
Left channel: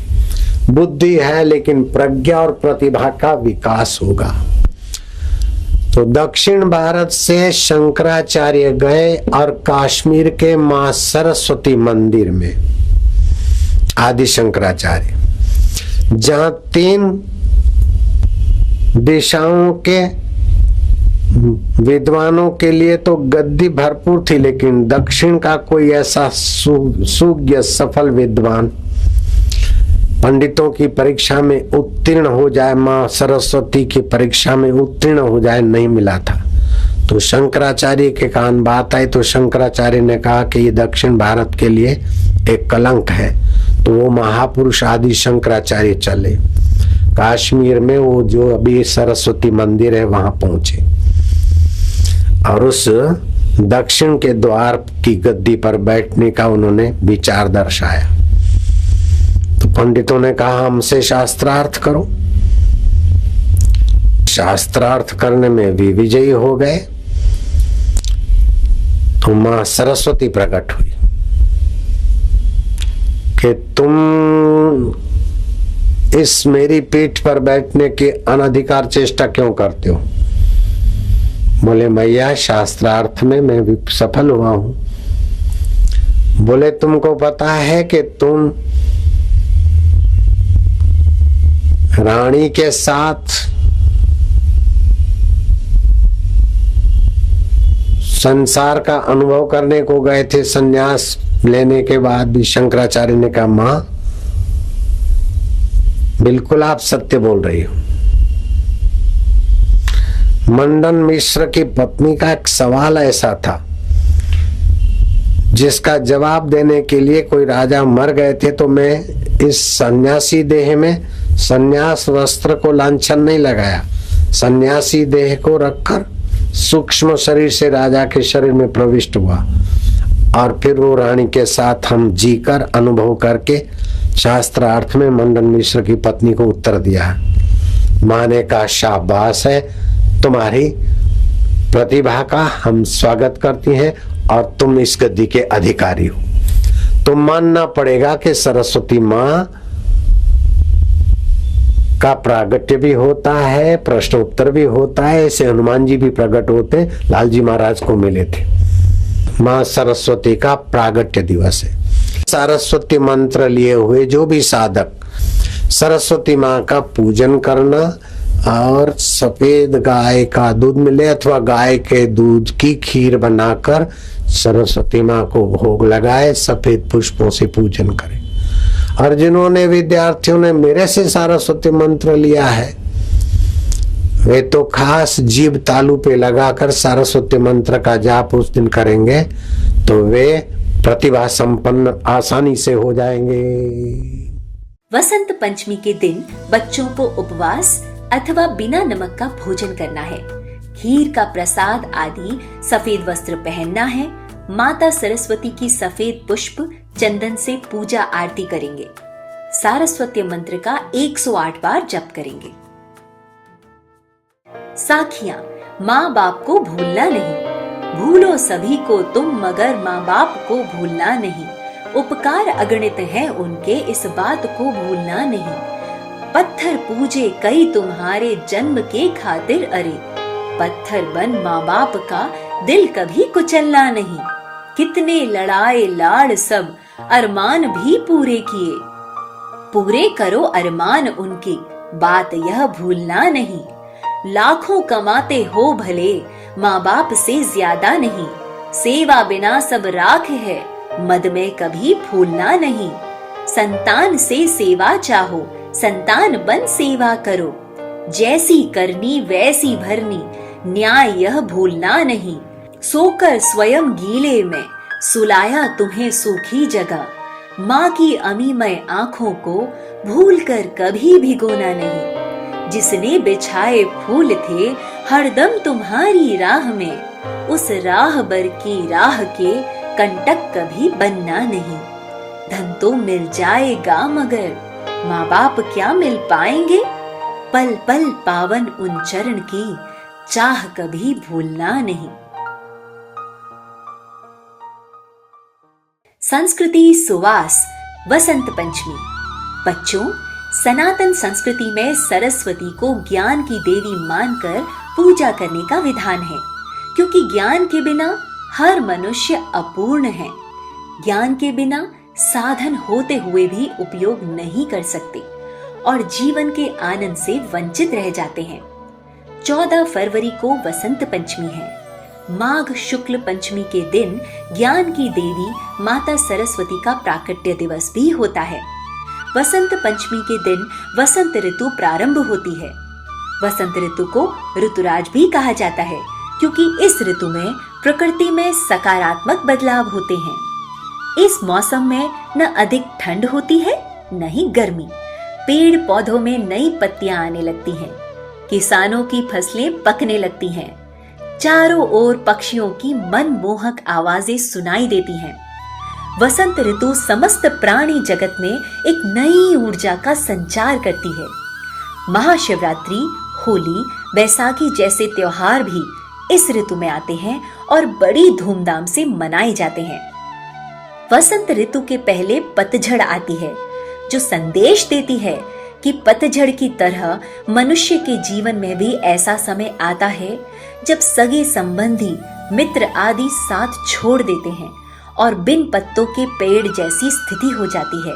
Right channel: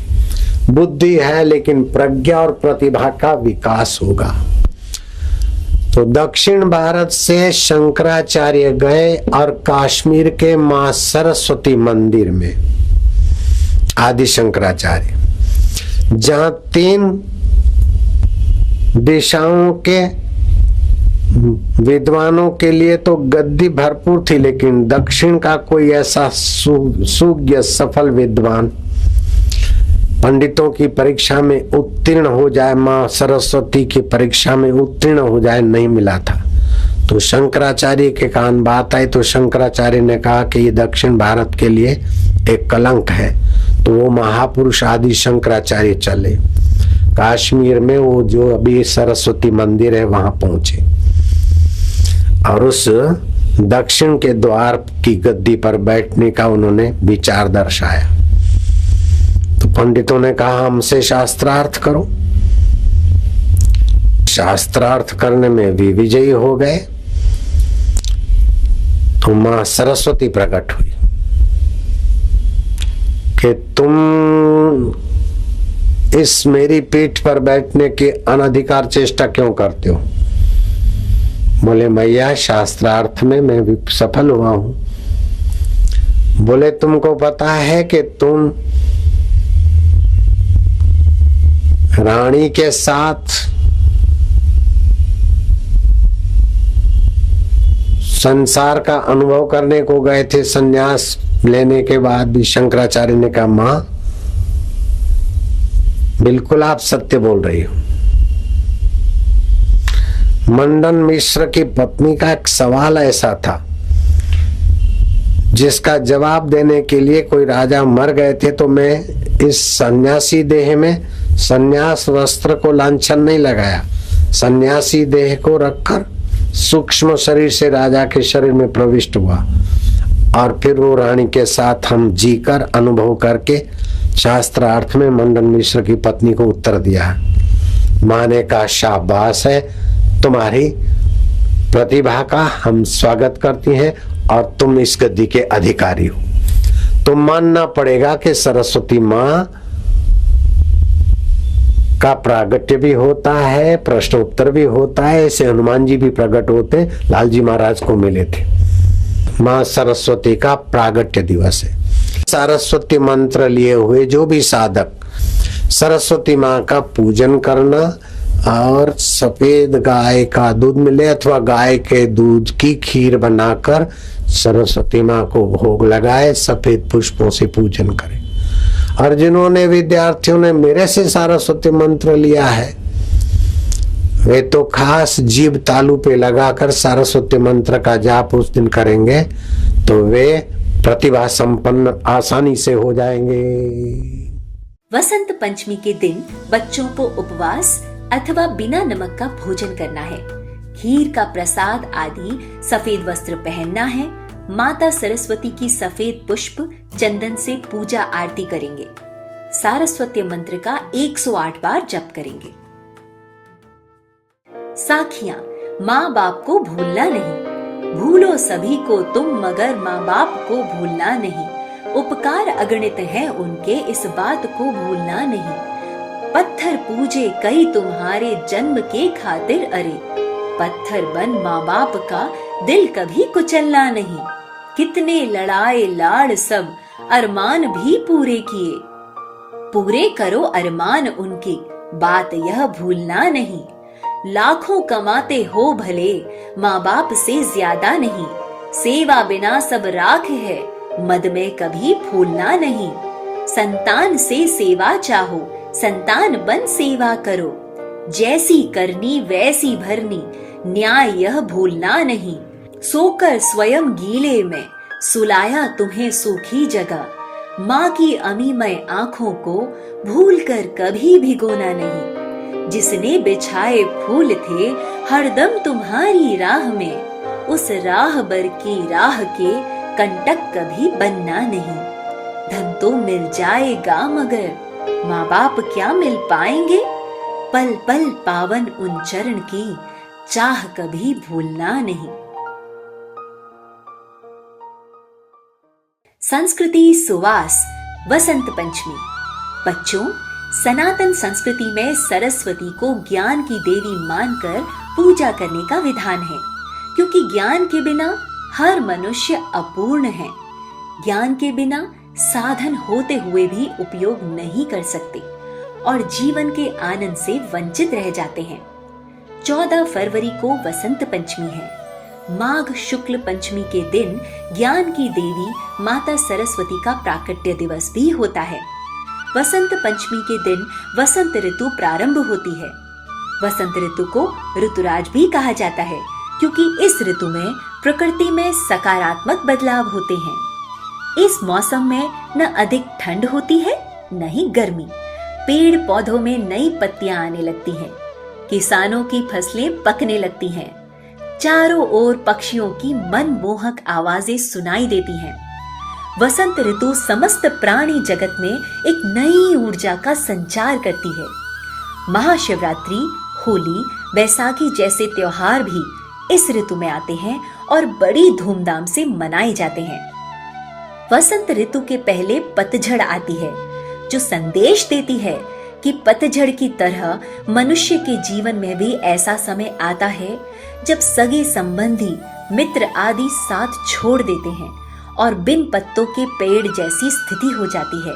बुद्धि है लेकिन प्रज्ञा और प्रतिभा का विकास होगा। तो दक्षिण भारत से शंकराचार्य गए और कश्मीर के मां सरस्वती मंदिर में, आदि शंकराचार्य, जहां 3 दिशाओं के विद्वानों के लिए तो गद्दी भरपूर थी, लेकिन दक्षिण का कोई ऐसा सुज्ञ सफल विद्वान पंडितों की परीक्षा में उत्तीर्ण हो जाए, माँ सरस्वती की परीक्षा में उत्तीर्ण हो जाए, नहीं मिला था। तो शंकराचार्य के कान बात आई तो शंकराचार्य ने कहा कि ये दक्षिण भारत के लिए एक कलंक है। तो वो महापुरुष आदि शंकराचार्य चले काश्मीर में, वो जो अभी सरस्वती मंदिर है वहां पहुंचे और उस दक्षिण के द्वार की गद्दी पर बैठने का उन्होंने विचार दर्शाया। तो पंडितों ने कहा हमसे शास्त्रार्थ करो। शास्त्रार्थ करने में भी विजयी हो गए। तो मां सरस्वती प्रकट हुई कि तुम इस मेरी पीठ पर बैठने की अनधिकार चेष्टा क्यों करते हो? बोले मैया शास्त्रार्थ में मैं भी सफल हुआ हूं। बोले तुमको पता है कि तुम रानी के साथ संसार का अनुभव करने को गए थे, संन्यास लेने के बाद भी। शंकराचार्य ने कहा मां बिल्कुल आप सत्य बोल रही हो। मंडन मिश्र की पत्नी का एक सवाल ऐसा था जिसका जवाब देने के लिए कोई राजा मर गए थे, तो मैं इस सन्यासी देह में सन्यास वस्त्र को लांछन नहीं लगाया, सन्यासी देह को रखकर सूक्ष्म शरीर से राजा के शरीर में प्रविष्ट हुआ और फिर वो रानी के साथ हम जीकर अनुभव करके शास्त्रार्थ में मंडन मिश्र की पत्नी को उत्तर दिया। मां ने कहा शाबाश है, तुम्हारी प्रतिभा का हम स्वागत करती हैं और तुम इस गद्दी के अधिकारी हो। तो मानना पड़ेगा कि सरस्वती मां का प्रागट्य भी होता है, प्रश्नोत्तर भी होता है। ऐसे हनुमान जी भी प्रकट होते, लालजी महाराज को मिले थे। मां सरस्वती का प्रागट्य दिवस है। सरस्वती मंत्र लिए हुए जो भी साधक सरस्वती मां का पूजन करना और सफेद गाय का दूध मिले अथवा गाय के दूध की खीर बनाकर सरस्वती मां को भोग लगाए, सफेद पुष्पों से पूजन करें। और जिन्होंने विद्यार्थियों ने मेरे से सरस्वती मंत्र लिया है वे तो खास जीभ तालू पे लगाकर सरस्वती मंत्र का जाप उस दिन करेंगे तो वे प्रतिभा संपन्न आसानी से हो जाएंगे। वसंत पंचमी के दिन बच्चों को उपवास अथवा बिना नमक का भोजन करना है, खीर का प्रसाद आदि सफेद वस्त्र पहनना है, माता सरस्वती की सफेद पुष्प चंदन से पूजा आरती करेंगे, सारस्वती मंत्र का 108 बार जप करेंगे। साखियां, माँ बाप को भूलना नहीं, भूलो सभी को तुम मगर माँ बाप को भूलना नहीं, उपकार अगणित है उनके इस बात को भूलना नहीं, पत्थर पूजे कई तुम्हारे जन्म के खातिर अरे, पत्थर बन माँ बाप का दिल कभी कुचलना नहीं, कितने लड़ाए लाड़ सब अरमान भी पूरे किए, पूरे करो अरमान उनके बात यह भूलना नहीं, लाखों कमाते हो भले माँ बाप से ज्यादा नहीं, सेवा बिना सब राख है मद में कभी फूलना नहीं, संतान से सेवा चाहो संतान बन सेवा करो, जैसी करनी वैसी भरनी न्याय यह भूलना नहीं, सोकर स्वयं गीले में सुलाया तुम्हें सूखी जगह, माँ की अमीमय आंखों को भूल कर कभी भिगोना नहीं, जिसने बिछाए फूल थे हरदम तुम्हारी राह में, उस राह बर की राह के कंटक कभी बनना नहीं, धन तो मिल जाएगा मगर माँ बाप क्या मिल पाएंगे, पल पल पावन उन चरण की चाह कभी भूलना नहीं। संस्कृति सुवास वसंत पंचमी। बच्चों, सनातन संस्कृति में सरस्वती को ज्ञान की देवी मानकर पूजा करने का विधान है, क्योंकि ज्ञान के बिना हर मनुष्य अपूर्ण है। ज्ञान के बिना साधन होते हुए भी उपयोग नहीं कर सकते और जीवन के आनंद से वंचित रह जाते हैं। 14 फरवरी को वसंत पंचमी है। माघ शुक्ल पंचमी के दिन ज्ञान की देवी माता सरस्वती का प्राकट्य दिवस भी होता है। वसंत पंचमी के दिन वसंत ऋतु प्रारंभ होती है। वसंत ऋतु को ऋतुराज भी कहा जाता है क्योंकि इस ऋतु में प्रकृति में सकारात्मक बदलाव होते हैं। इस मौसम में न अधिक ठंड होती है न ही गर्मी। पेड़ पौधों में नई पत्तियां आने लगती हैं। किसानों की फसलें पकने लगती हैं। चारों ओर पक्षियों की मनमोहक आवाजें सुनाई देती हैं। वसंत ऋतु समस्त प्राणी जगत में एक नई ऊर्जा का संचार करती है। महाशिवरात्रि, होली, बैसाखी जैसे त्योहार भी इस ऋतु में आते हैं और बड़ी धूमधाम से मनाए जाते हैं। वसंत ऋतु के पहले पतझड़ आती है जो संदेश देती है कि पतझड़ की तरह मनुष्य के जीवन में भी ऐसा समय आता है जब सगे संबंधी, मित्र आदि साथ छोड़ देते हैं और बिन पत्तों के पेड़ जैसी स्थिति हो जाती है।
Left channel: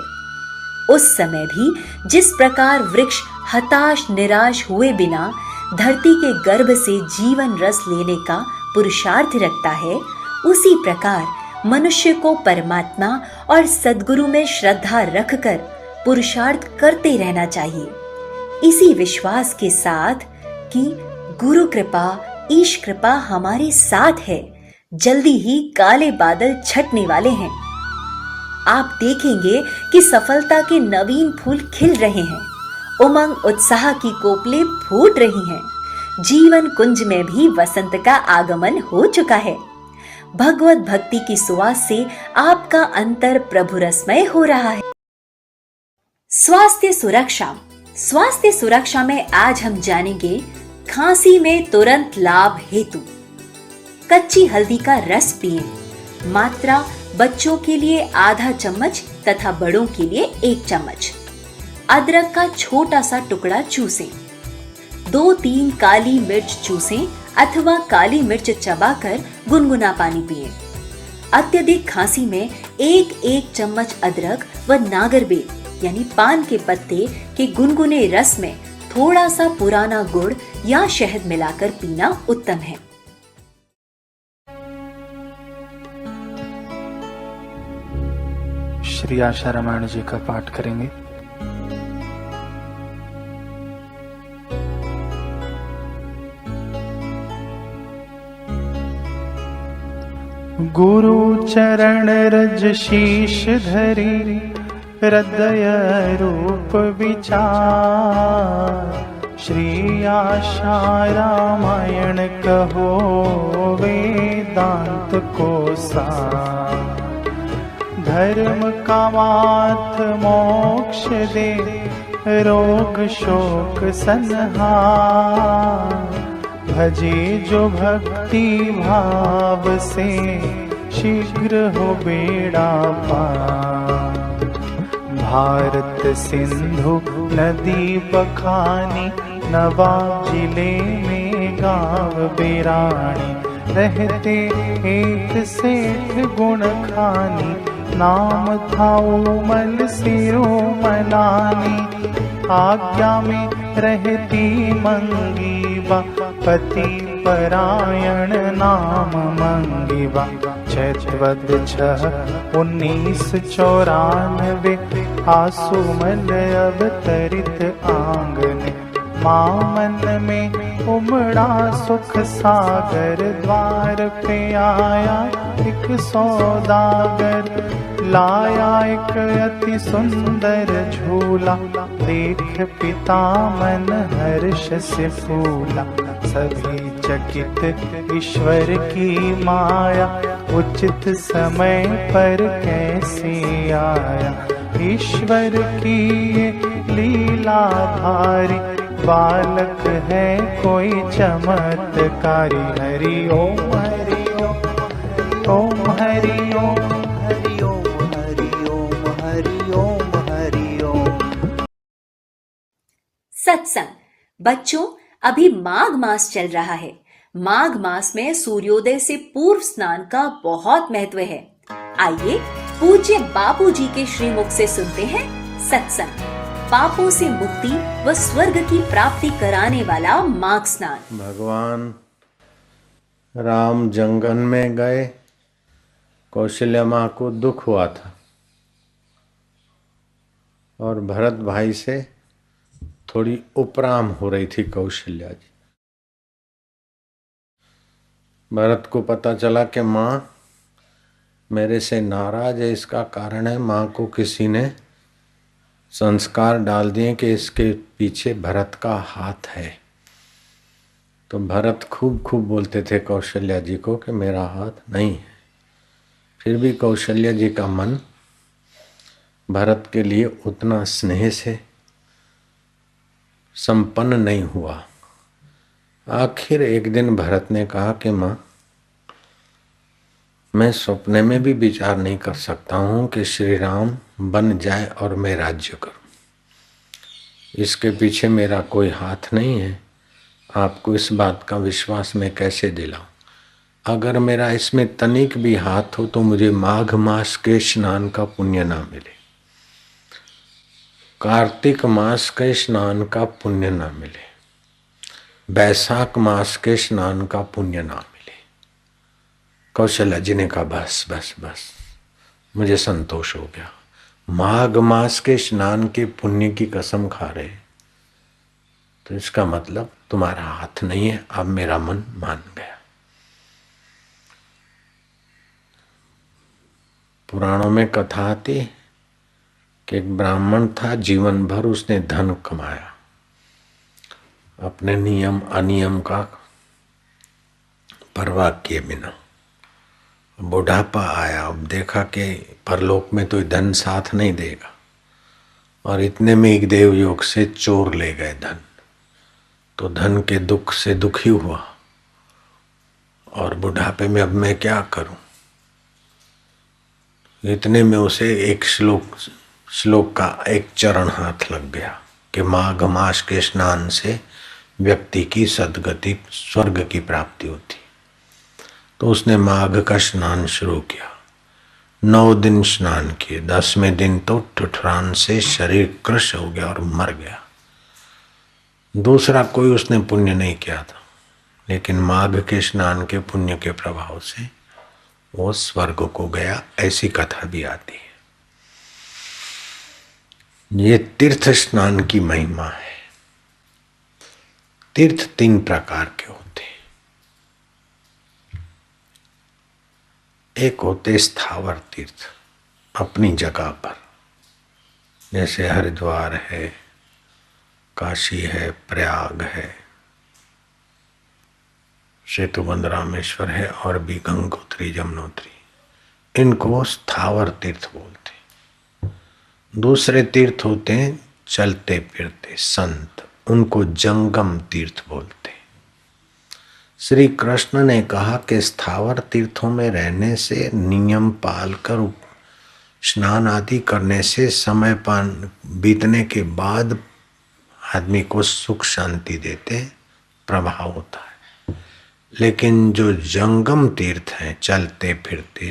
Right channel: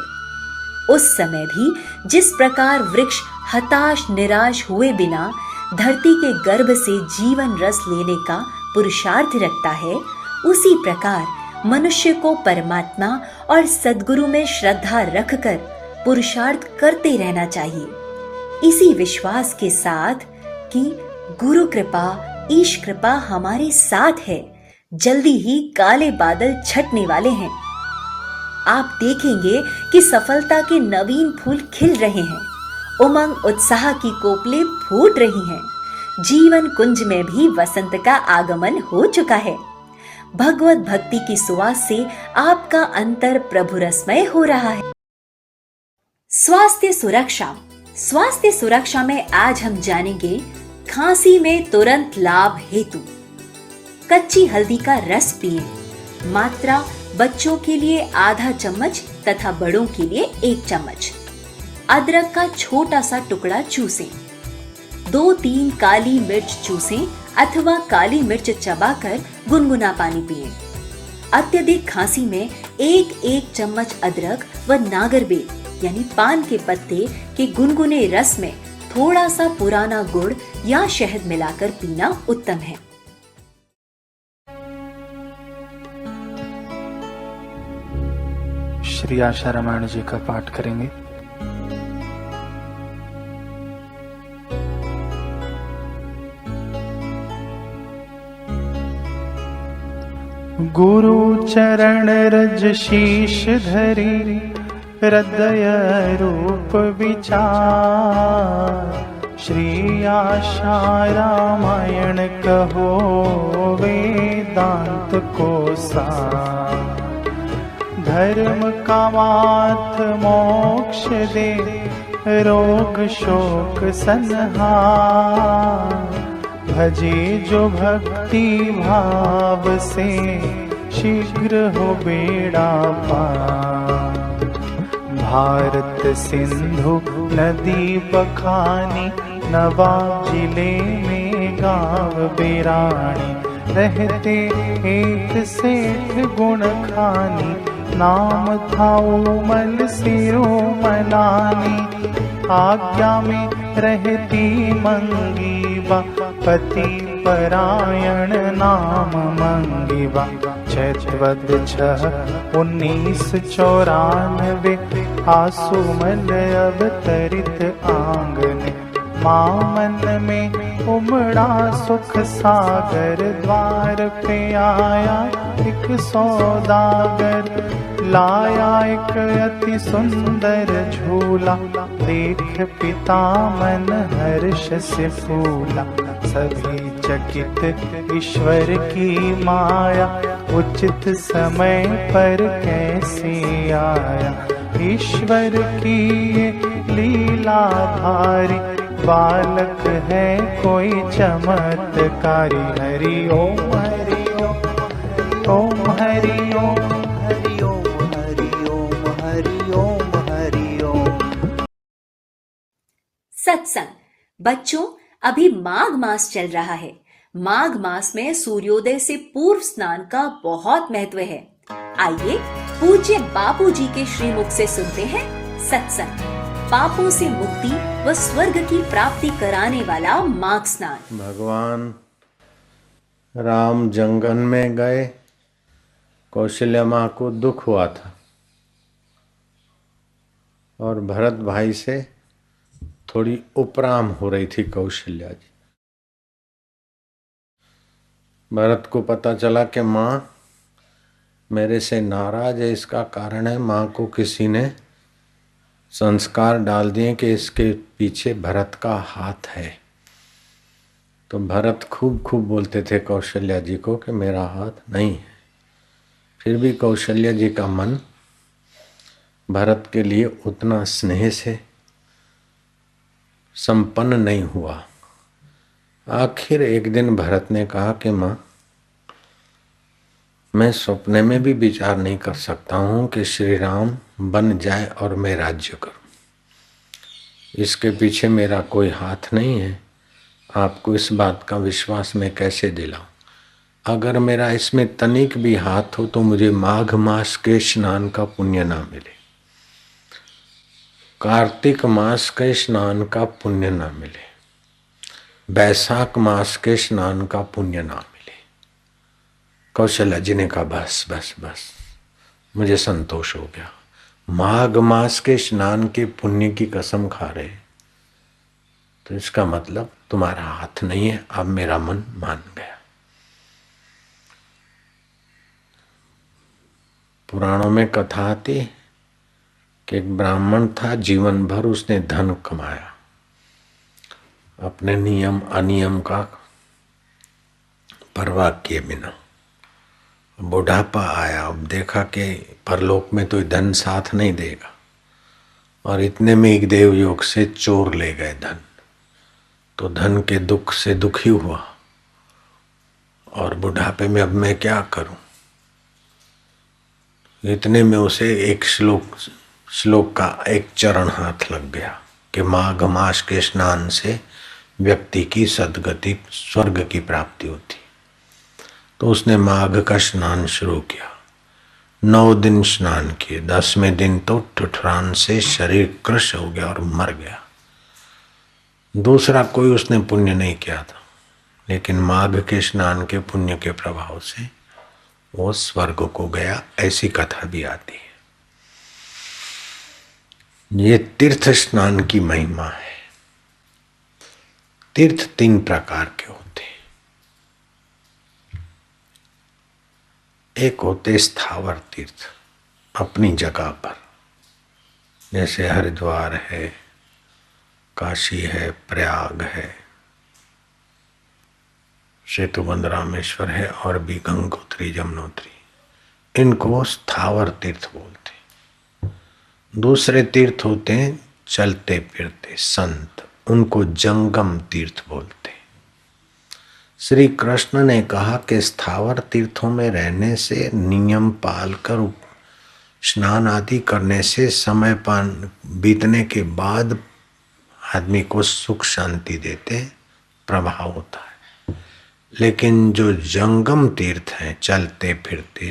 उस समय भी जिस प्रकार वृक्ष हताश निराश हुए बिना धरती के गर्भ से जीवन रस लेने का पुरुषार्थ रखता है, उसी प्रकार मनुष्य को परमात्मा और सद्गुरु में श्रद्धा रखकर पुरुषार्थ करते रहना चाहिए। इसी विश्वास के साथ कि गुरु कृपा, ईश कृपा हमारे साथ है, जल्दी ही काले बादल छटने वाले हैं। आप देखेंगे कि सफलता के नवीन फूल खिल रहे हैं। उमंग उत्साह की कोपलें फूट रही हैं। जीवन कुंज में भी वसंत का आगमन हो चुका है। भगवत भक्ति की सुवास से आपका अंतर प्रभु रसमय हो रहा है। स्वास्थ्य सुरक्षा। स्वास्थ्य सुरक्षा में आज हम जानेंगे खांसी में तुरंत लाभ हेतु। कच्ची हल्दी का रस पिए। मात्रा बच्चों के लिए आधा चम्मच तथा बड़ों के लिए 1 चम्मच। अदरक का छोटा सा टुकड़ा चूसें। 2-3 काली मिर्च चूसें अथवा काली मिर्च चबाकर गुनगुना पानी पिए। अत्यधिक खांसी में 1-1 चम्मच अदरक व नागरबेल यानी पान के पत्ते के गुनगुने रस में थोड़ा सा पुराना गुड़ या शहद मिलाकर पीना उत्तम है। श्री आशा रामायण जी का पाठ करेंगे। गुरु चरण रज शीश धरी, हृदय रूप विचार। श्री आशा रामायण कहो वेदांत को सार। धर्म का मार्ग मोक्ष दे, रोग शोक संहार। भजे जो भक्ति भाव से, शीघ्र हो बेड़ा पार। भारत सिंधु नदी बखानी, नवाब जिले में गाँव बिरानी। रहते एक सेठ गुण खानी, नाम था उमल सिरोमलानी। आज्ञा में रहती मंगीबा, पति परायण नाम मंगीबा। चैतवद 6/1994 आसुमल अवतरित आंगने। मामन में उमड़ा सुख सागर, द्वार पे आया एक सौदागर। लाया एक अति सुंदर झूला, देख पिता मन हर्ष से फूला। सभी चकित ईश्वर की माया, उचित समय पर कैसे आया। ईश्वर की ये लीला भारी, बालक है कोई चमत्कारी। हरि ओम हरि ओम, ओम हरि ओम, हरि ओम हरि ओम, हरि ओम हरि ओम। सत्संग। बच्चों, अभी माघ मास चल रहा है। माघ मास में सूर्योदय से पूर्व स्नान का बहुत महत्व है। आइए पूज्य बापू जी के श्रीमुख से सुनते हैं सत्संग, पापों से मुक्ति व स्वर्ग की प्राप्ति कराने वाला माघ स्नान। भगवान राम जंगल में गए, कौशल्या माँ को दुख हुआ था और भरत भाई से थोड़ी उपराम हो रही थी कौशल्या जी। भरत को पता चला कि माँ मेरे से नाराज है, इसका कारण है माँ को किसी ने संस्कार डाल दिए कि इसके पीछे भरत का हाथ है। तो भरत खूब खूब बोलते थे कौशल्या जी को कि मेरा हाथ नहीं है। फिर भी कौशल्या जी का मन भरत के लिए उतना स्नेह से संपन्न नहीं हुआ। आखिर एक दिन भरत ने कहा कि माँ, मैं सपने में भी विचार नहीं कर सकता हूँ कि श्री राम बन जाए और मैं राज्य करूँ। इसके पीछे मेरा कोई हाथ नहीं है। आपको इस बात का विश्वास मैं कैसे दिलाऊं? अगर मेरा इसमें तनिक भी हाथ हो तो मुझे माघ मास के स्नान का पुण्य ना मिले, कार्तिक मास के स्नान का पुण्य ना मिले, बैसाख मास के स्नान का पुण्य ना मिले। कौशल्या जी ने कहा बस बस बस, मुझे संतोष हो गया। माघ मास के स्नान के पुण्य की कसम खा रहे तो इसका मतलब तुम्हारा हाथ नहीं है। अब मेरा मन मान गया। पुराणों में कथा आती कि एक ब्राह्मण था, जीवन भर उसने धन कमाया, अपने नियम अनियम का परवाह किए बिना। बुढ़ापा आया, अब देखा कि परलोक में तो धन साथ नहीं देगा, और इतने में एक देवयोग से चोर ले गए धन। तो धन के दुख से दुखी हुआ और बुढ़ापे में अब मैं क्या करूं। इतने में उसे एक श्लोक का एक चरण हाथ लग गया कि माघ मास के स्नान से व्यक्ति की सद्गति स्वर्ग की प्राप्ति होती। तो उसने माघ का स्नान शुरू किया। 9 दिन स्नान किए, 10वें दिन तो ठुठरान से शरीर कृश हो गया और मर गया। दूसरा कोई उसने पुण्य नहीं किया था, लेकिन माघ के स्नान के पुण्य के प्रभाव से वो स्वर्ग को गया। ऐसी कथा भी आती है। ये तीर्थ स्नान की महिमा है। तीर्थ 3 प्रकार के होते हैं। एक होते स्थावर तीर्थ, अपनी जगह पर, जैसे हरिद्वार है, काशी है, प्रयाग है, सेतुबंध रामेश्वर है, और भी गंगोत्री यमुनोत्री। इनको स्थावर तीर्थ बोलते। दूसरे तीर्थ होते हैं चलते फिरते संत, उनको जंगम तीर्थ बोलते। श्री कृष्ण ने कहा कि स्थावर तीर्थों में रहने से, नियम पाल कर स्नान आदि करने से समय पान बीतने के बाद आदमी को सुख शांति देते प्रभाव होता है। लेकिन जो जंगम तीर्थ हैं, चलते फिरते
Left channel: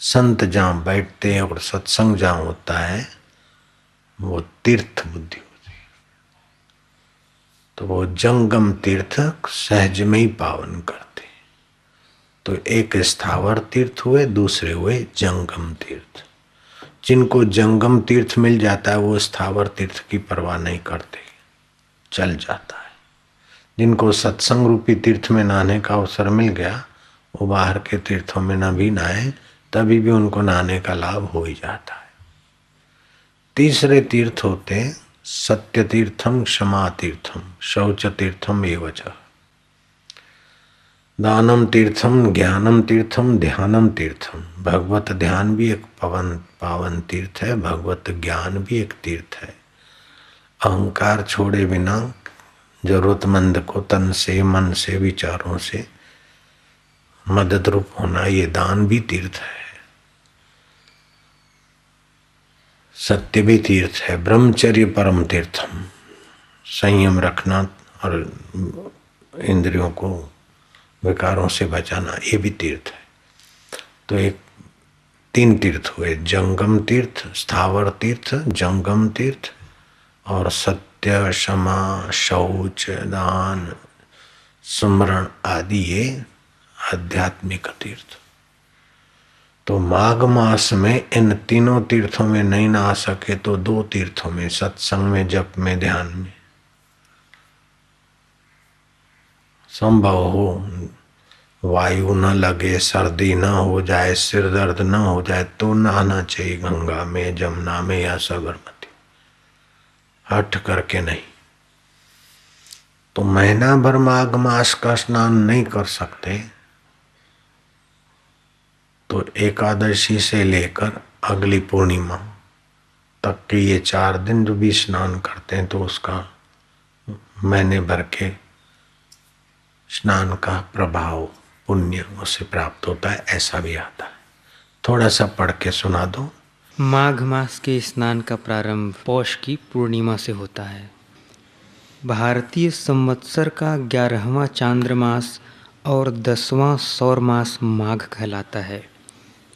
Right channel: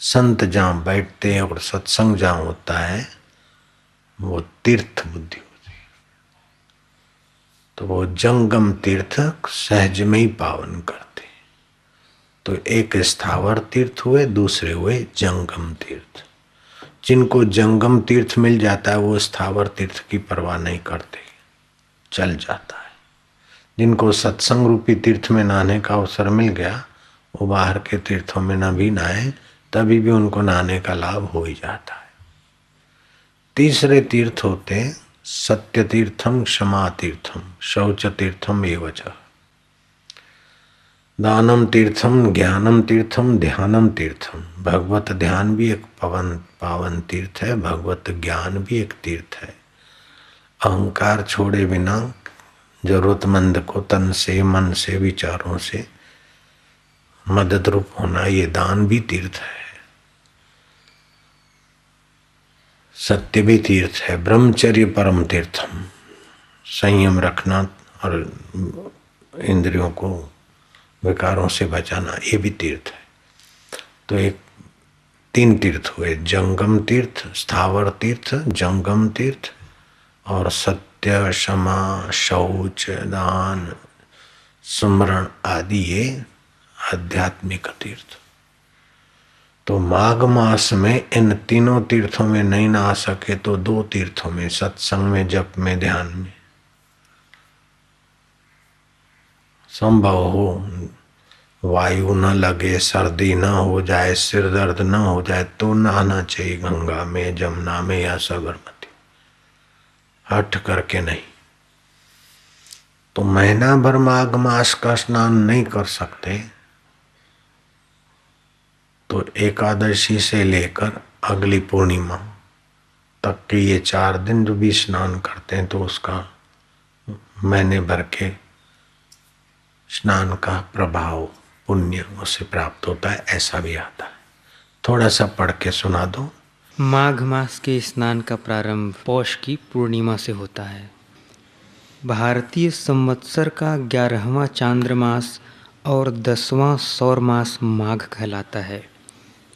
संत जहाँ बैठते हैं और सत्संग जहाँ होता है, वो तीर्थ बुद्धि होती है। तो वो जंगम तीर्थ सहज में ही पावन करते। तो एक स्थावर तीर्थ हुए, दूसरे हुए जंगम तीर्थ। जिनको जंगम तीर्थ मिल जाता है वो स्थावर तीर्थ की परवाह नहीं करते, चल जाता है। जिनको सत्संग रूपी तीर्थ में नहाने का अवसर मिल गया, वो बाहर के तीर्थों में न भी नहाए तभी भी उनको नहाने का लाभ हो ही जाता है। तीसरे तीर्थ होते सत्य तीर्थम, क्षमा तीर्थम, शौच तीर्थम एवच, दानम तीर्थम, ज्ञानम तीर्थम, ध्यानम तीर्थम। भगवत ध्यान भी एक पावन तीर्थ है, भगवत ज्ञान भी एक तीर्थ है। अहंकार छोड़े बिना जरूरतमंद को तन से, मन से, विचारों से मदद रूप होना, ये दान भी तीर्थ है। सत्य भी तीर्थ है। ब्रह्मचर्य परम तीर्थम, संयम रखना और इंद्रियों को विकारों से बचाना, ये भी तीर्थ है। तो एक 3 तीर्थ हुए, जंगम तीर्थ, स्थावर तीर्थ, जंगम तीर्थ और सत्य, क्षमा, शौच, दान, सुमरण आदि ये आध्यात्मिक तीर्थ। तो माघ मास में इन तीनों तीर्थों में नहीं नहा सके तो 2 तीर्थों में, सत्संग में, जप में, ध्यान में संभव हो, वायु न लगे, सर्दी न हो जाए, सिर दर्द न हो जाए तो नहाना चाहिए गंगा में, जमुना में या साबरमती, हट करके नहीं। तो महीना भर माघ मास का स्नान नहीं कर सकते तो एकादशी से लेकर अगली पूर्णिमा तक के ये 4 दिन जो भी स्नान करते हैं तो उसका महीने भर के स्नान का प्रभाव, पुण्य उसे प्राप्त होता है, ऐसा भी आता है। थोड़ा सा पढ़ के सुना दो। माघ मास के स्नान का प्रारंभ पौष की पूर्णिमा से होता है। भारतीय संवत्सर का 11वां चांद्रमास और 10वां सौर मास माघ कहलाता है।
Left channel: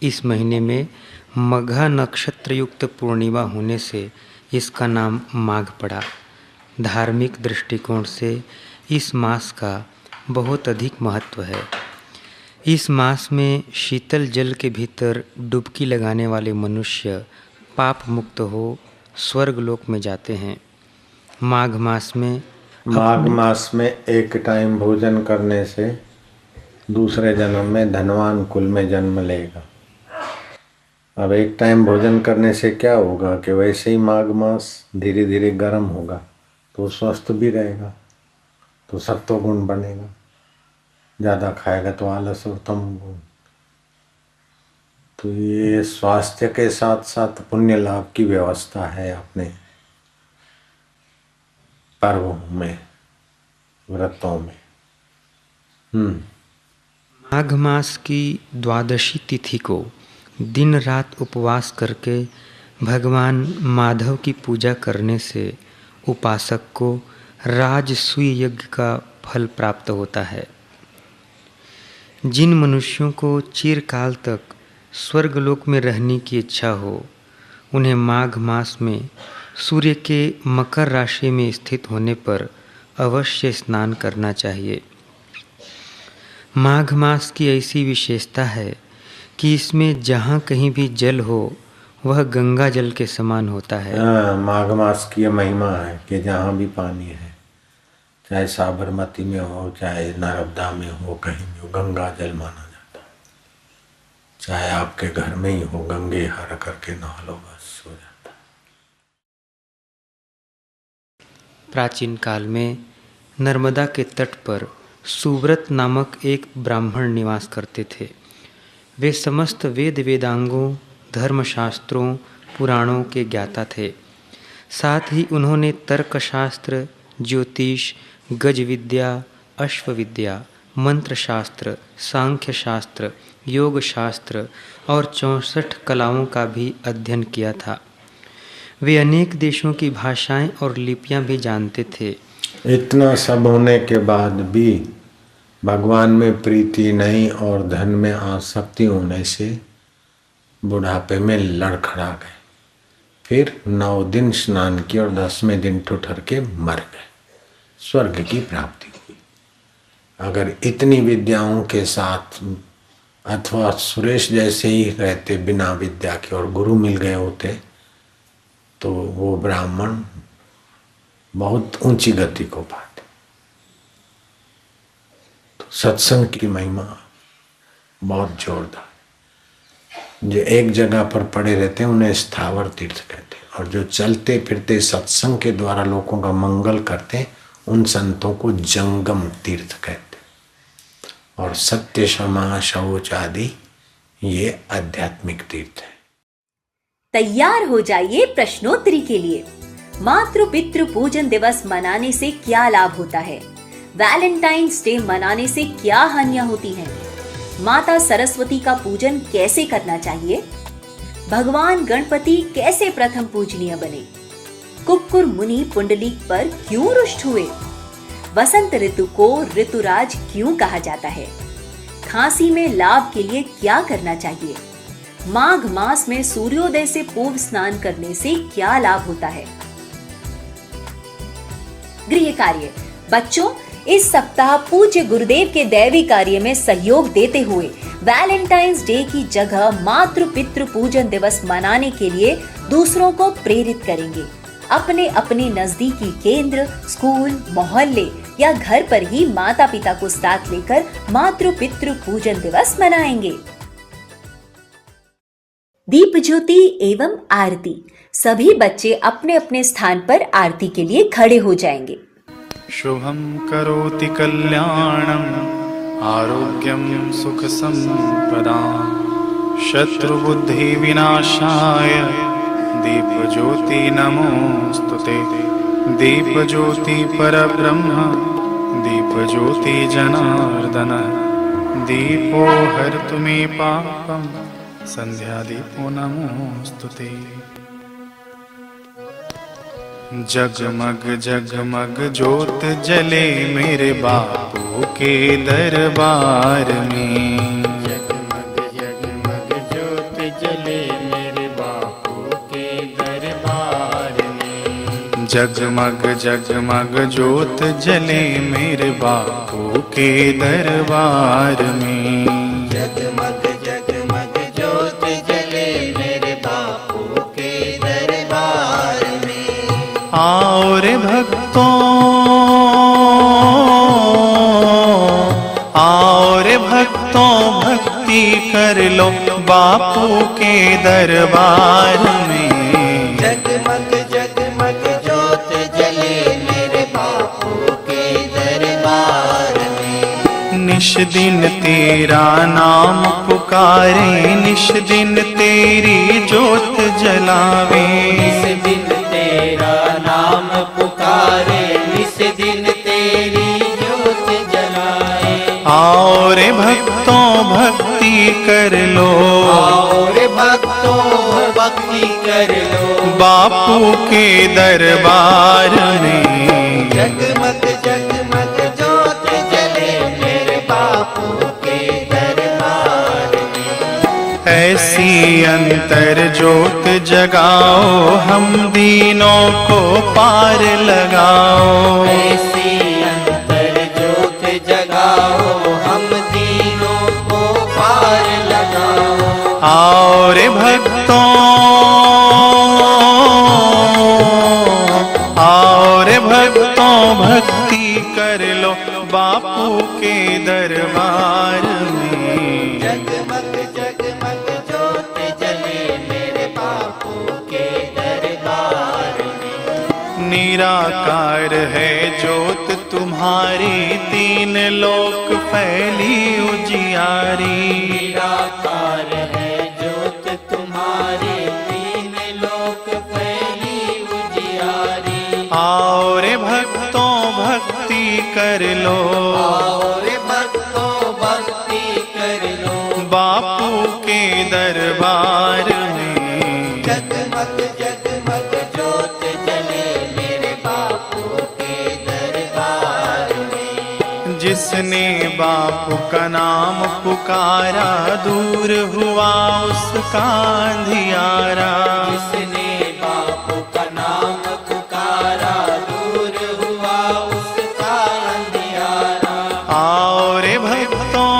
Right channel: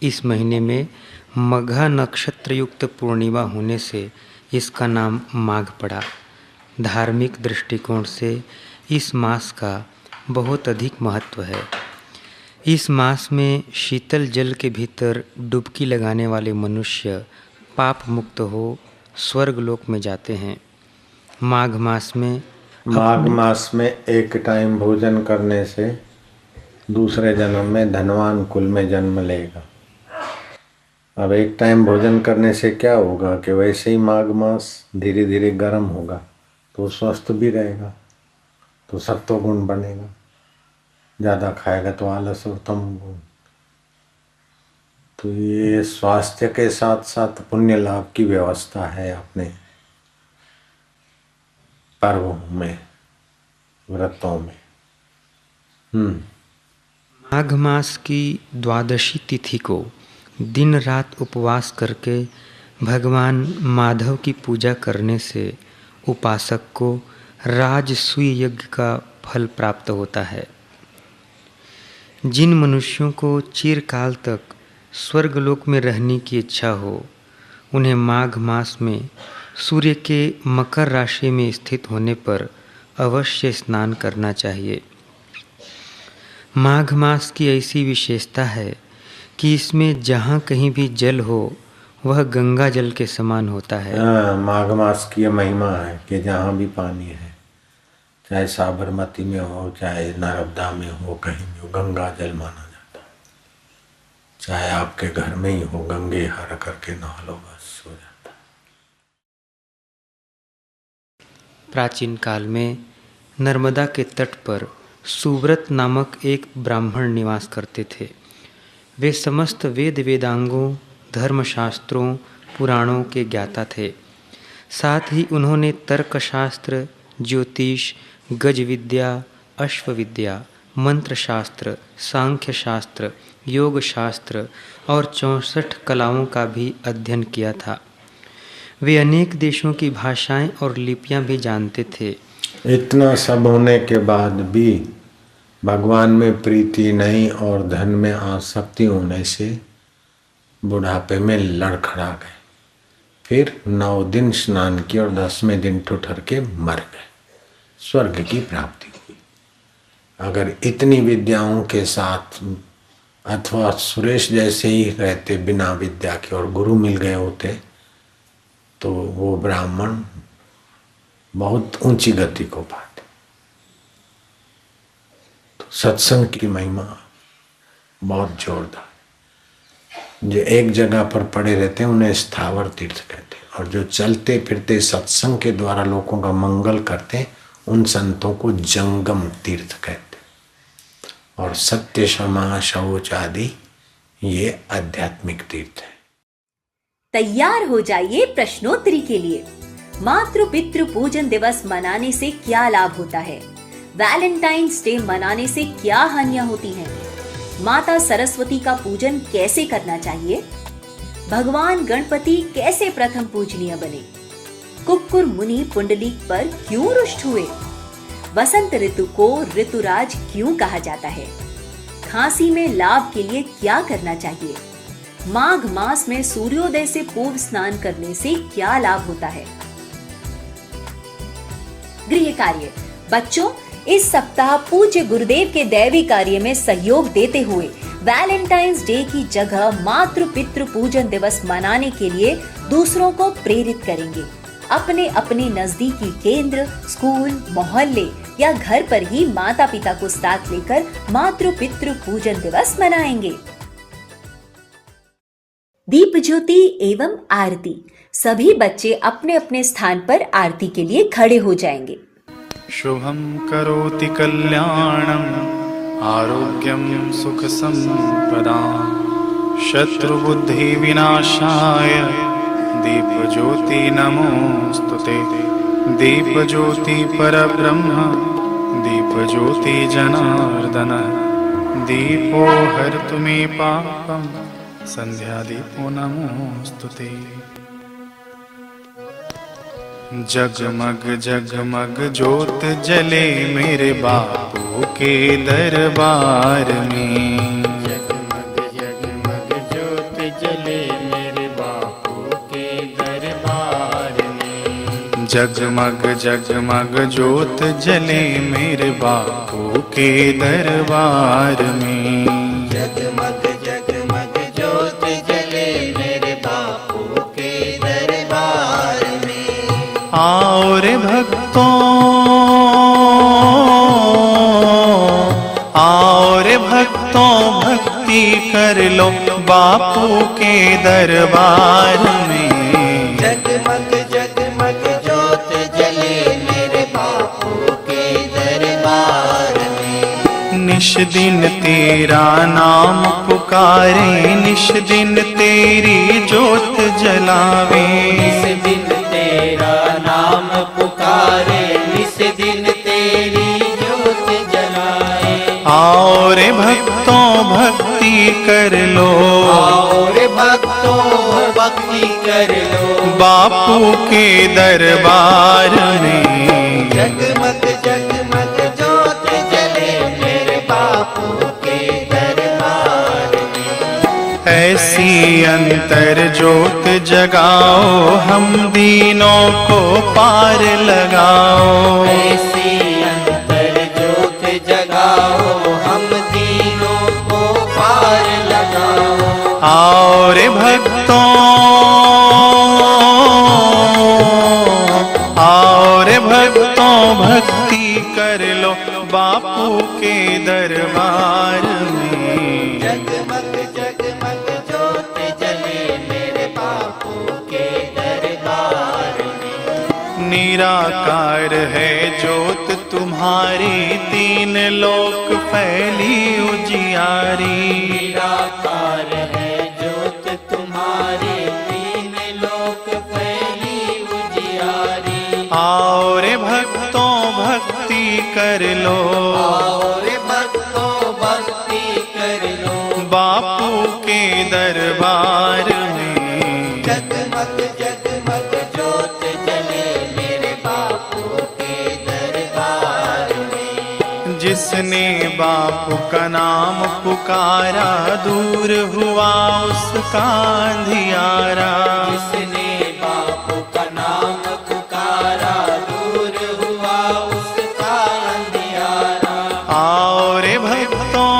इस महीने में मघा नक्षत्र युक्त पूर्णिमा होने से इसका नाम माघ पड़ा। धार्मिक दृष्टिकोण से इस मास का बहुत अधिक महत्व है। इस मास में शीतल जल के भीतर डुबकी लगाने वाले मनुष्य पाप मुक्त हो स्वर्गलोक में जाते हैं। माघ मास में एक टाइम भोजन करने से दूसरे जन्म में धनवान कुल में जन्म लेगा। अब एक टाइम भोजन करने से क्या होगा कि वैसे ही माघ मास धीरे धीरे गर्म होगा तो स्वस्थ भी रहेगा, तो सत्वगुण बनेगा। ज़्यादा खाएगा तो आलस और तमोगुण। तो ये स्वास्थ्य के साथ साथ पुण्य लाभ की व्यवस्था है अपने पर्वों में, व्रतों में। माघ मास की द्वादशी तिथि को दिन रात उपवास करके भगवान माधव की पूजा करने से उपासक को राजसूय यज्ञ का फल प्राप्त होता है। जिन मनुष्यों को चिरकाल तक स्वर्गलोक में रहने की इच्छा हो, उन्हें माघ मास में सूर्य के मकर राशि में स्थित होने पर अवश्य स्नान करना चाहिए। माघ मास की ऐसी विशेषता है कि इसमें जहाँ कहीं भी जल हो वह गंगा जल के समान होता है। माघ मास की महिमा है कि जहाँ भी पानी है, चाहे साबरमती में हो, चाहे नर्मदा में हो, कहीं भी हो, गंगा जल माना जाता है। चाहे आपके घर में ही हो, गंगे हर करके नहा लो, बस हो जाता है। प्राचीन काल में नर्मदा के तट पर सुव्रत नामक एक ब्राह्मण निवास करते थे। वे समस्त वेद वेदांगों, धर्मशास्त्रों, पुराणों के ज्ञाता थे। साथ ही उन्होंने तर्कशास्त्र, ज्योतिष, गज विद्या, अश्व विद्या, मंत्र शास्त्र, सांख्य शास्त्र, योग शास्त्र और 64 कलाओं का भी अध्ययन किया था। वे अनेक देशों की भाषाएं और लिपियां भी जानते थे। इतना सब होने के बाद भी भगवान में प्रीति नहीं और धन में आसक्ति होने से बुढ़ापे में लड़खड़ा गए। फिर 9 दिन स्नान किए और 10वें दिन ठुठर के मर गए। स्वर्ग की प्राप्ति हुई। अगर इतनी विद्याओं के साथ अथवा सुरेश जैसे ही रहते बिना विद्या के और गुरु मिल गए होते तो वो ब्राह्मण बहुत ऊंची गति को पाते। तो सत्संग की महिमा बहुत जोरदार। जो एक जगह पर पड़े रहते हैं उन्हें स्थावर तीर्थ कहते हैं, और जो चलते फिरते सत्संग के द्वारा लोगों का मंगल करते हैं उन संतों को जंगम तीर्थ कहते हैं। और सत्य, क्षमा, शौच आदि ये आध्यात्मिक तीर्थ है। तैयार हो जाइए प्रश्नोत्तरी के लिए। मातृ पितृ पूजन दिवस मनाने से क्या लाभ होता है? वैलेंटाइंस डे मनाने से क्या हानियां होती है? माता सरस्वती का पूजन कैसे करना चाहिए? भगवान गणपति कैसे प्रथम पूजनीय बने? कुक्कुर मुनि पुंडलीक पर क्यों रुष्ट हुए? वसंत ऋतु को ऋतुराज क्यों कहा जाता है? खांसी में लाभ के लिए क्या करना चाहिए? माघ मास में सूर्योदय से पूर्व स्नान करने से क्या लाभ होता है? गृह कार्य। बच्चों, इस सप्ताह पूज्य गुरुदेव के दैवी कार्य में सहयोग देते हुए वैलेंटाइंस डे की जगह मातृ पितृ पूजन दिवस मनाने के लिए दूसरों को प्रेरित करेंगे। अपने अपने नजदीकी केंद्र, स्कूल, मोहल्ले या घर पर ही माता पिता को साथ लेकर मातृ पितृ पूजन दिवस मनाएंगे। दीप ज्योति एवं आरती। सभी बच्चे अपने अपने स्थान पर आरती के लिए खड़े हो जाएंगे। शुभं करोति कल्याणं आरोग्यं सुख संपदां शत्रुबुद्धि विनाशाय दीपज्योति नमोस्तुते। दीपज्योति परब्रह्म दीपज्योति जनार्दन दीपो हरतु मे पापं संध्यादीपो नमोस्तुते। जगमग जगमग ज्योत जले मेरे बापू के दरबार में। जगमग जगमग ज्योत जले मेरे बापू के दरबार में। जगमग जगमग ज्योत जले मेरे बापू के दरबार में। जगमग जगमग ज्योत जले मेरे बापू के दरबार में। आओ रे भक्तों, आओ रे भक्तों, भक्ति कर लो बापू के दरबार में। जगमग जगमग ज्योत जले मेरे बापू के दरबार में। निश दिन तेरा नाम पुकारे, निश दिन तेरी ज्योत जलावे। निस दिन तेरा नाम पुकारे, निस दिन तेरी ज्योत जलाए। आओ रे भक्तों, भक्ति कर लो। आओ रे भक्तों, भक्ति कर लो बापू के दरबार में। जगमग जगमग ज्योत जले मेरे बापू के दरबार में। ऐसी अंतर ज्योत जगाओ, हम दीनों को पार लगाओ। ऐसी अंतर ज्योत जगाओ, हम दीनों को पार लगाओ। आओ रे भक्तों, आओ रे भक्तों, भक्ति कर लो बापू के दरबार में। जगमग जगमग ज्योत जले मेरे बापू के दरबार में। निराकार है ज्योत तुम्हारी, तीन लोक फैली उजियारी। निराकार है ज्योत तुम्हारी, तीन लोक फैली उजियारी। आओ रे भक्तों, भक्ति कर लो। आओ रे भक्तों, भक्ति कर लो बापू के दरबार में। जगमग जगमग ज्योत जले मेरे बापू के दरबार में। जिसने बापू का नाम पुकारा, दूर हुआ उसका अंधियारा। जिसने बापू का नाम पुकारा, दूर हुआ उसका अंधियारा। आओ रे भक्तों,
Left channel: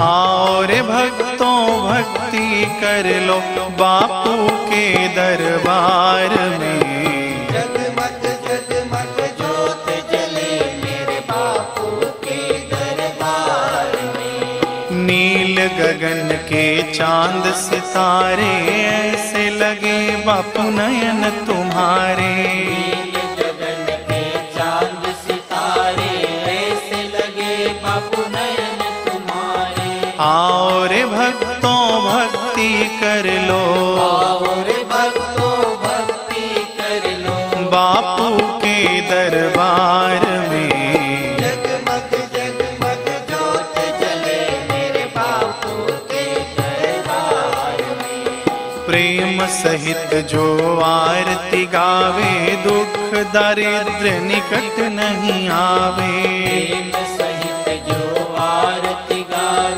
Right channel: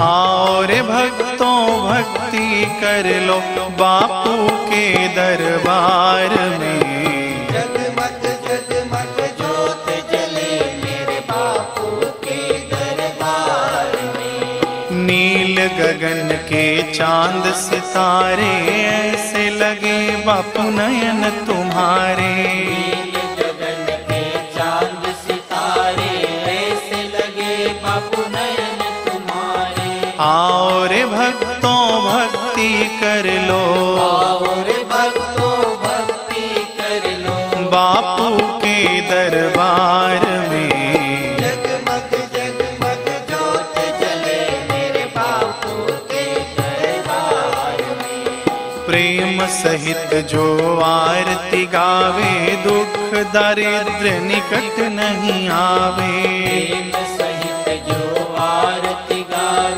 आओ रे भक्तों, भक्ति कर लो बापू के दरबार में। जगमग जगमग ज्योत जले मेरे बापू के दरबार में। नील गगन के चांद सितारे, ऐसे लगे बापू नयन तुम्हारे। नील गगन के चांद सितारे, ऐसे लगे बापू नयन तुम्हारे। आओ रे भक्तों, भक्ति कर लो। आओ रे भक्तों, भक्ति कर लो बापू के दरबार में। जगमग जगमग ज्योत जले मेरे बापू के दरबार में। प्रेम सहित जो आरती गावे, दुख दारिद्र्य निकट नहीं आवे। प्रेम सहित जो आरती गावे,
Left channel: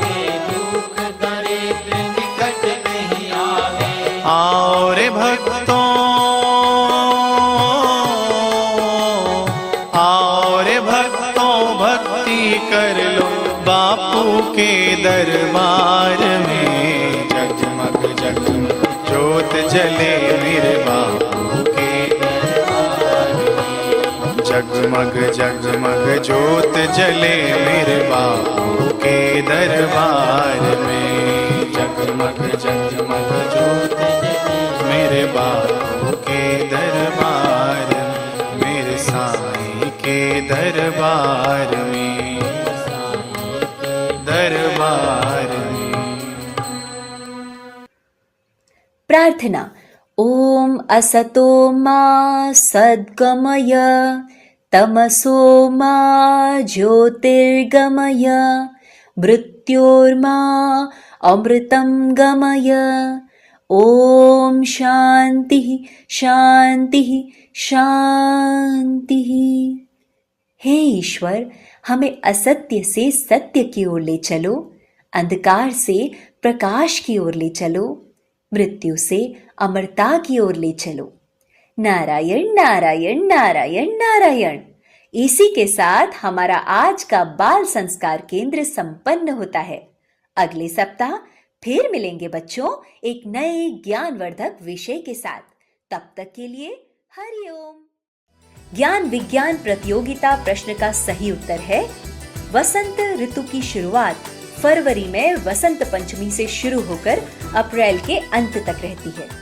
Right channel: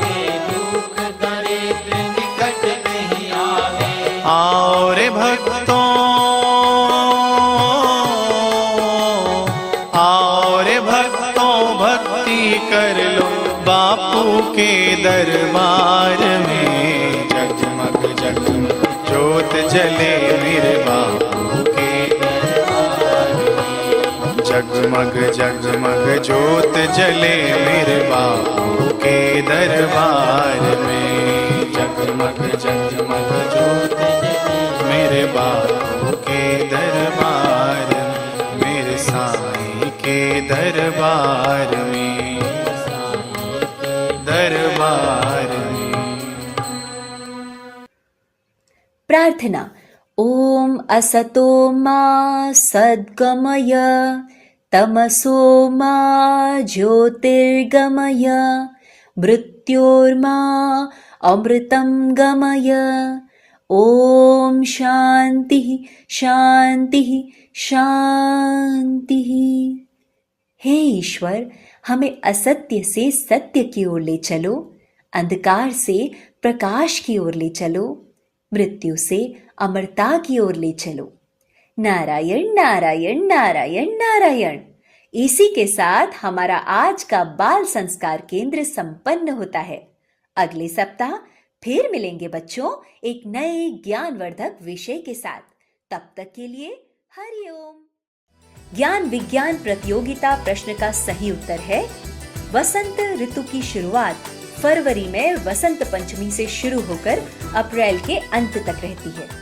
बापू के दरबार में जगमग जगमग ज्योत जले मेरे बापू के दरबार में जगमग जगमग ज्योत जले मेरे बापू के दरबार में जगमग जगमग ज्योत जले मेरे बापू के दरबार में मेरे साईं के दरबार में दरबार में। प्रार्थना। ओम असतो मा सद्गमय तमसो मा ज्योतिर्गमय मृत्योर्मा अमृतं गमय। ओम शांति शांति शांति। हे ईश्वर, हमें असत्य से सत्य की ओर ले चलो, अंधकार से प्रकाश की ओर ले चलो, मृत्यु से अमरता की ओर ले चलो। नारायण नारायण नारायण नारायण। इसी के साथ हमारा आज का बाल संस्कार केंद्र संपन्न होता है। अगले सप्ताह फिर मिलेंगे बच्चों एक नए ज्ञानवर्धक विषय के साथ। तब तक के लिए हरिओम। ज्ञान विज्ञान प्रतियोगिता प्रश्न का सही उत्तर है वसंत ऋतु की शुरुआत फरवरी में वसंत पंचमी से शुरू होकर अप्रैल के अंत तक रहती है।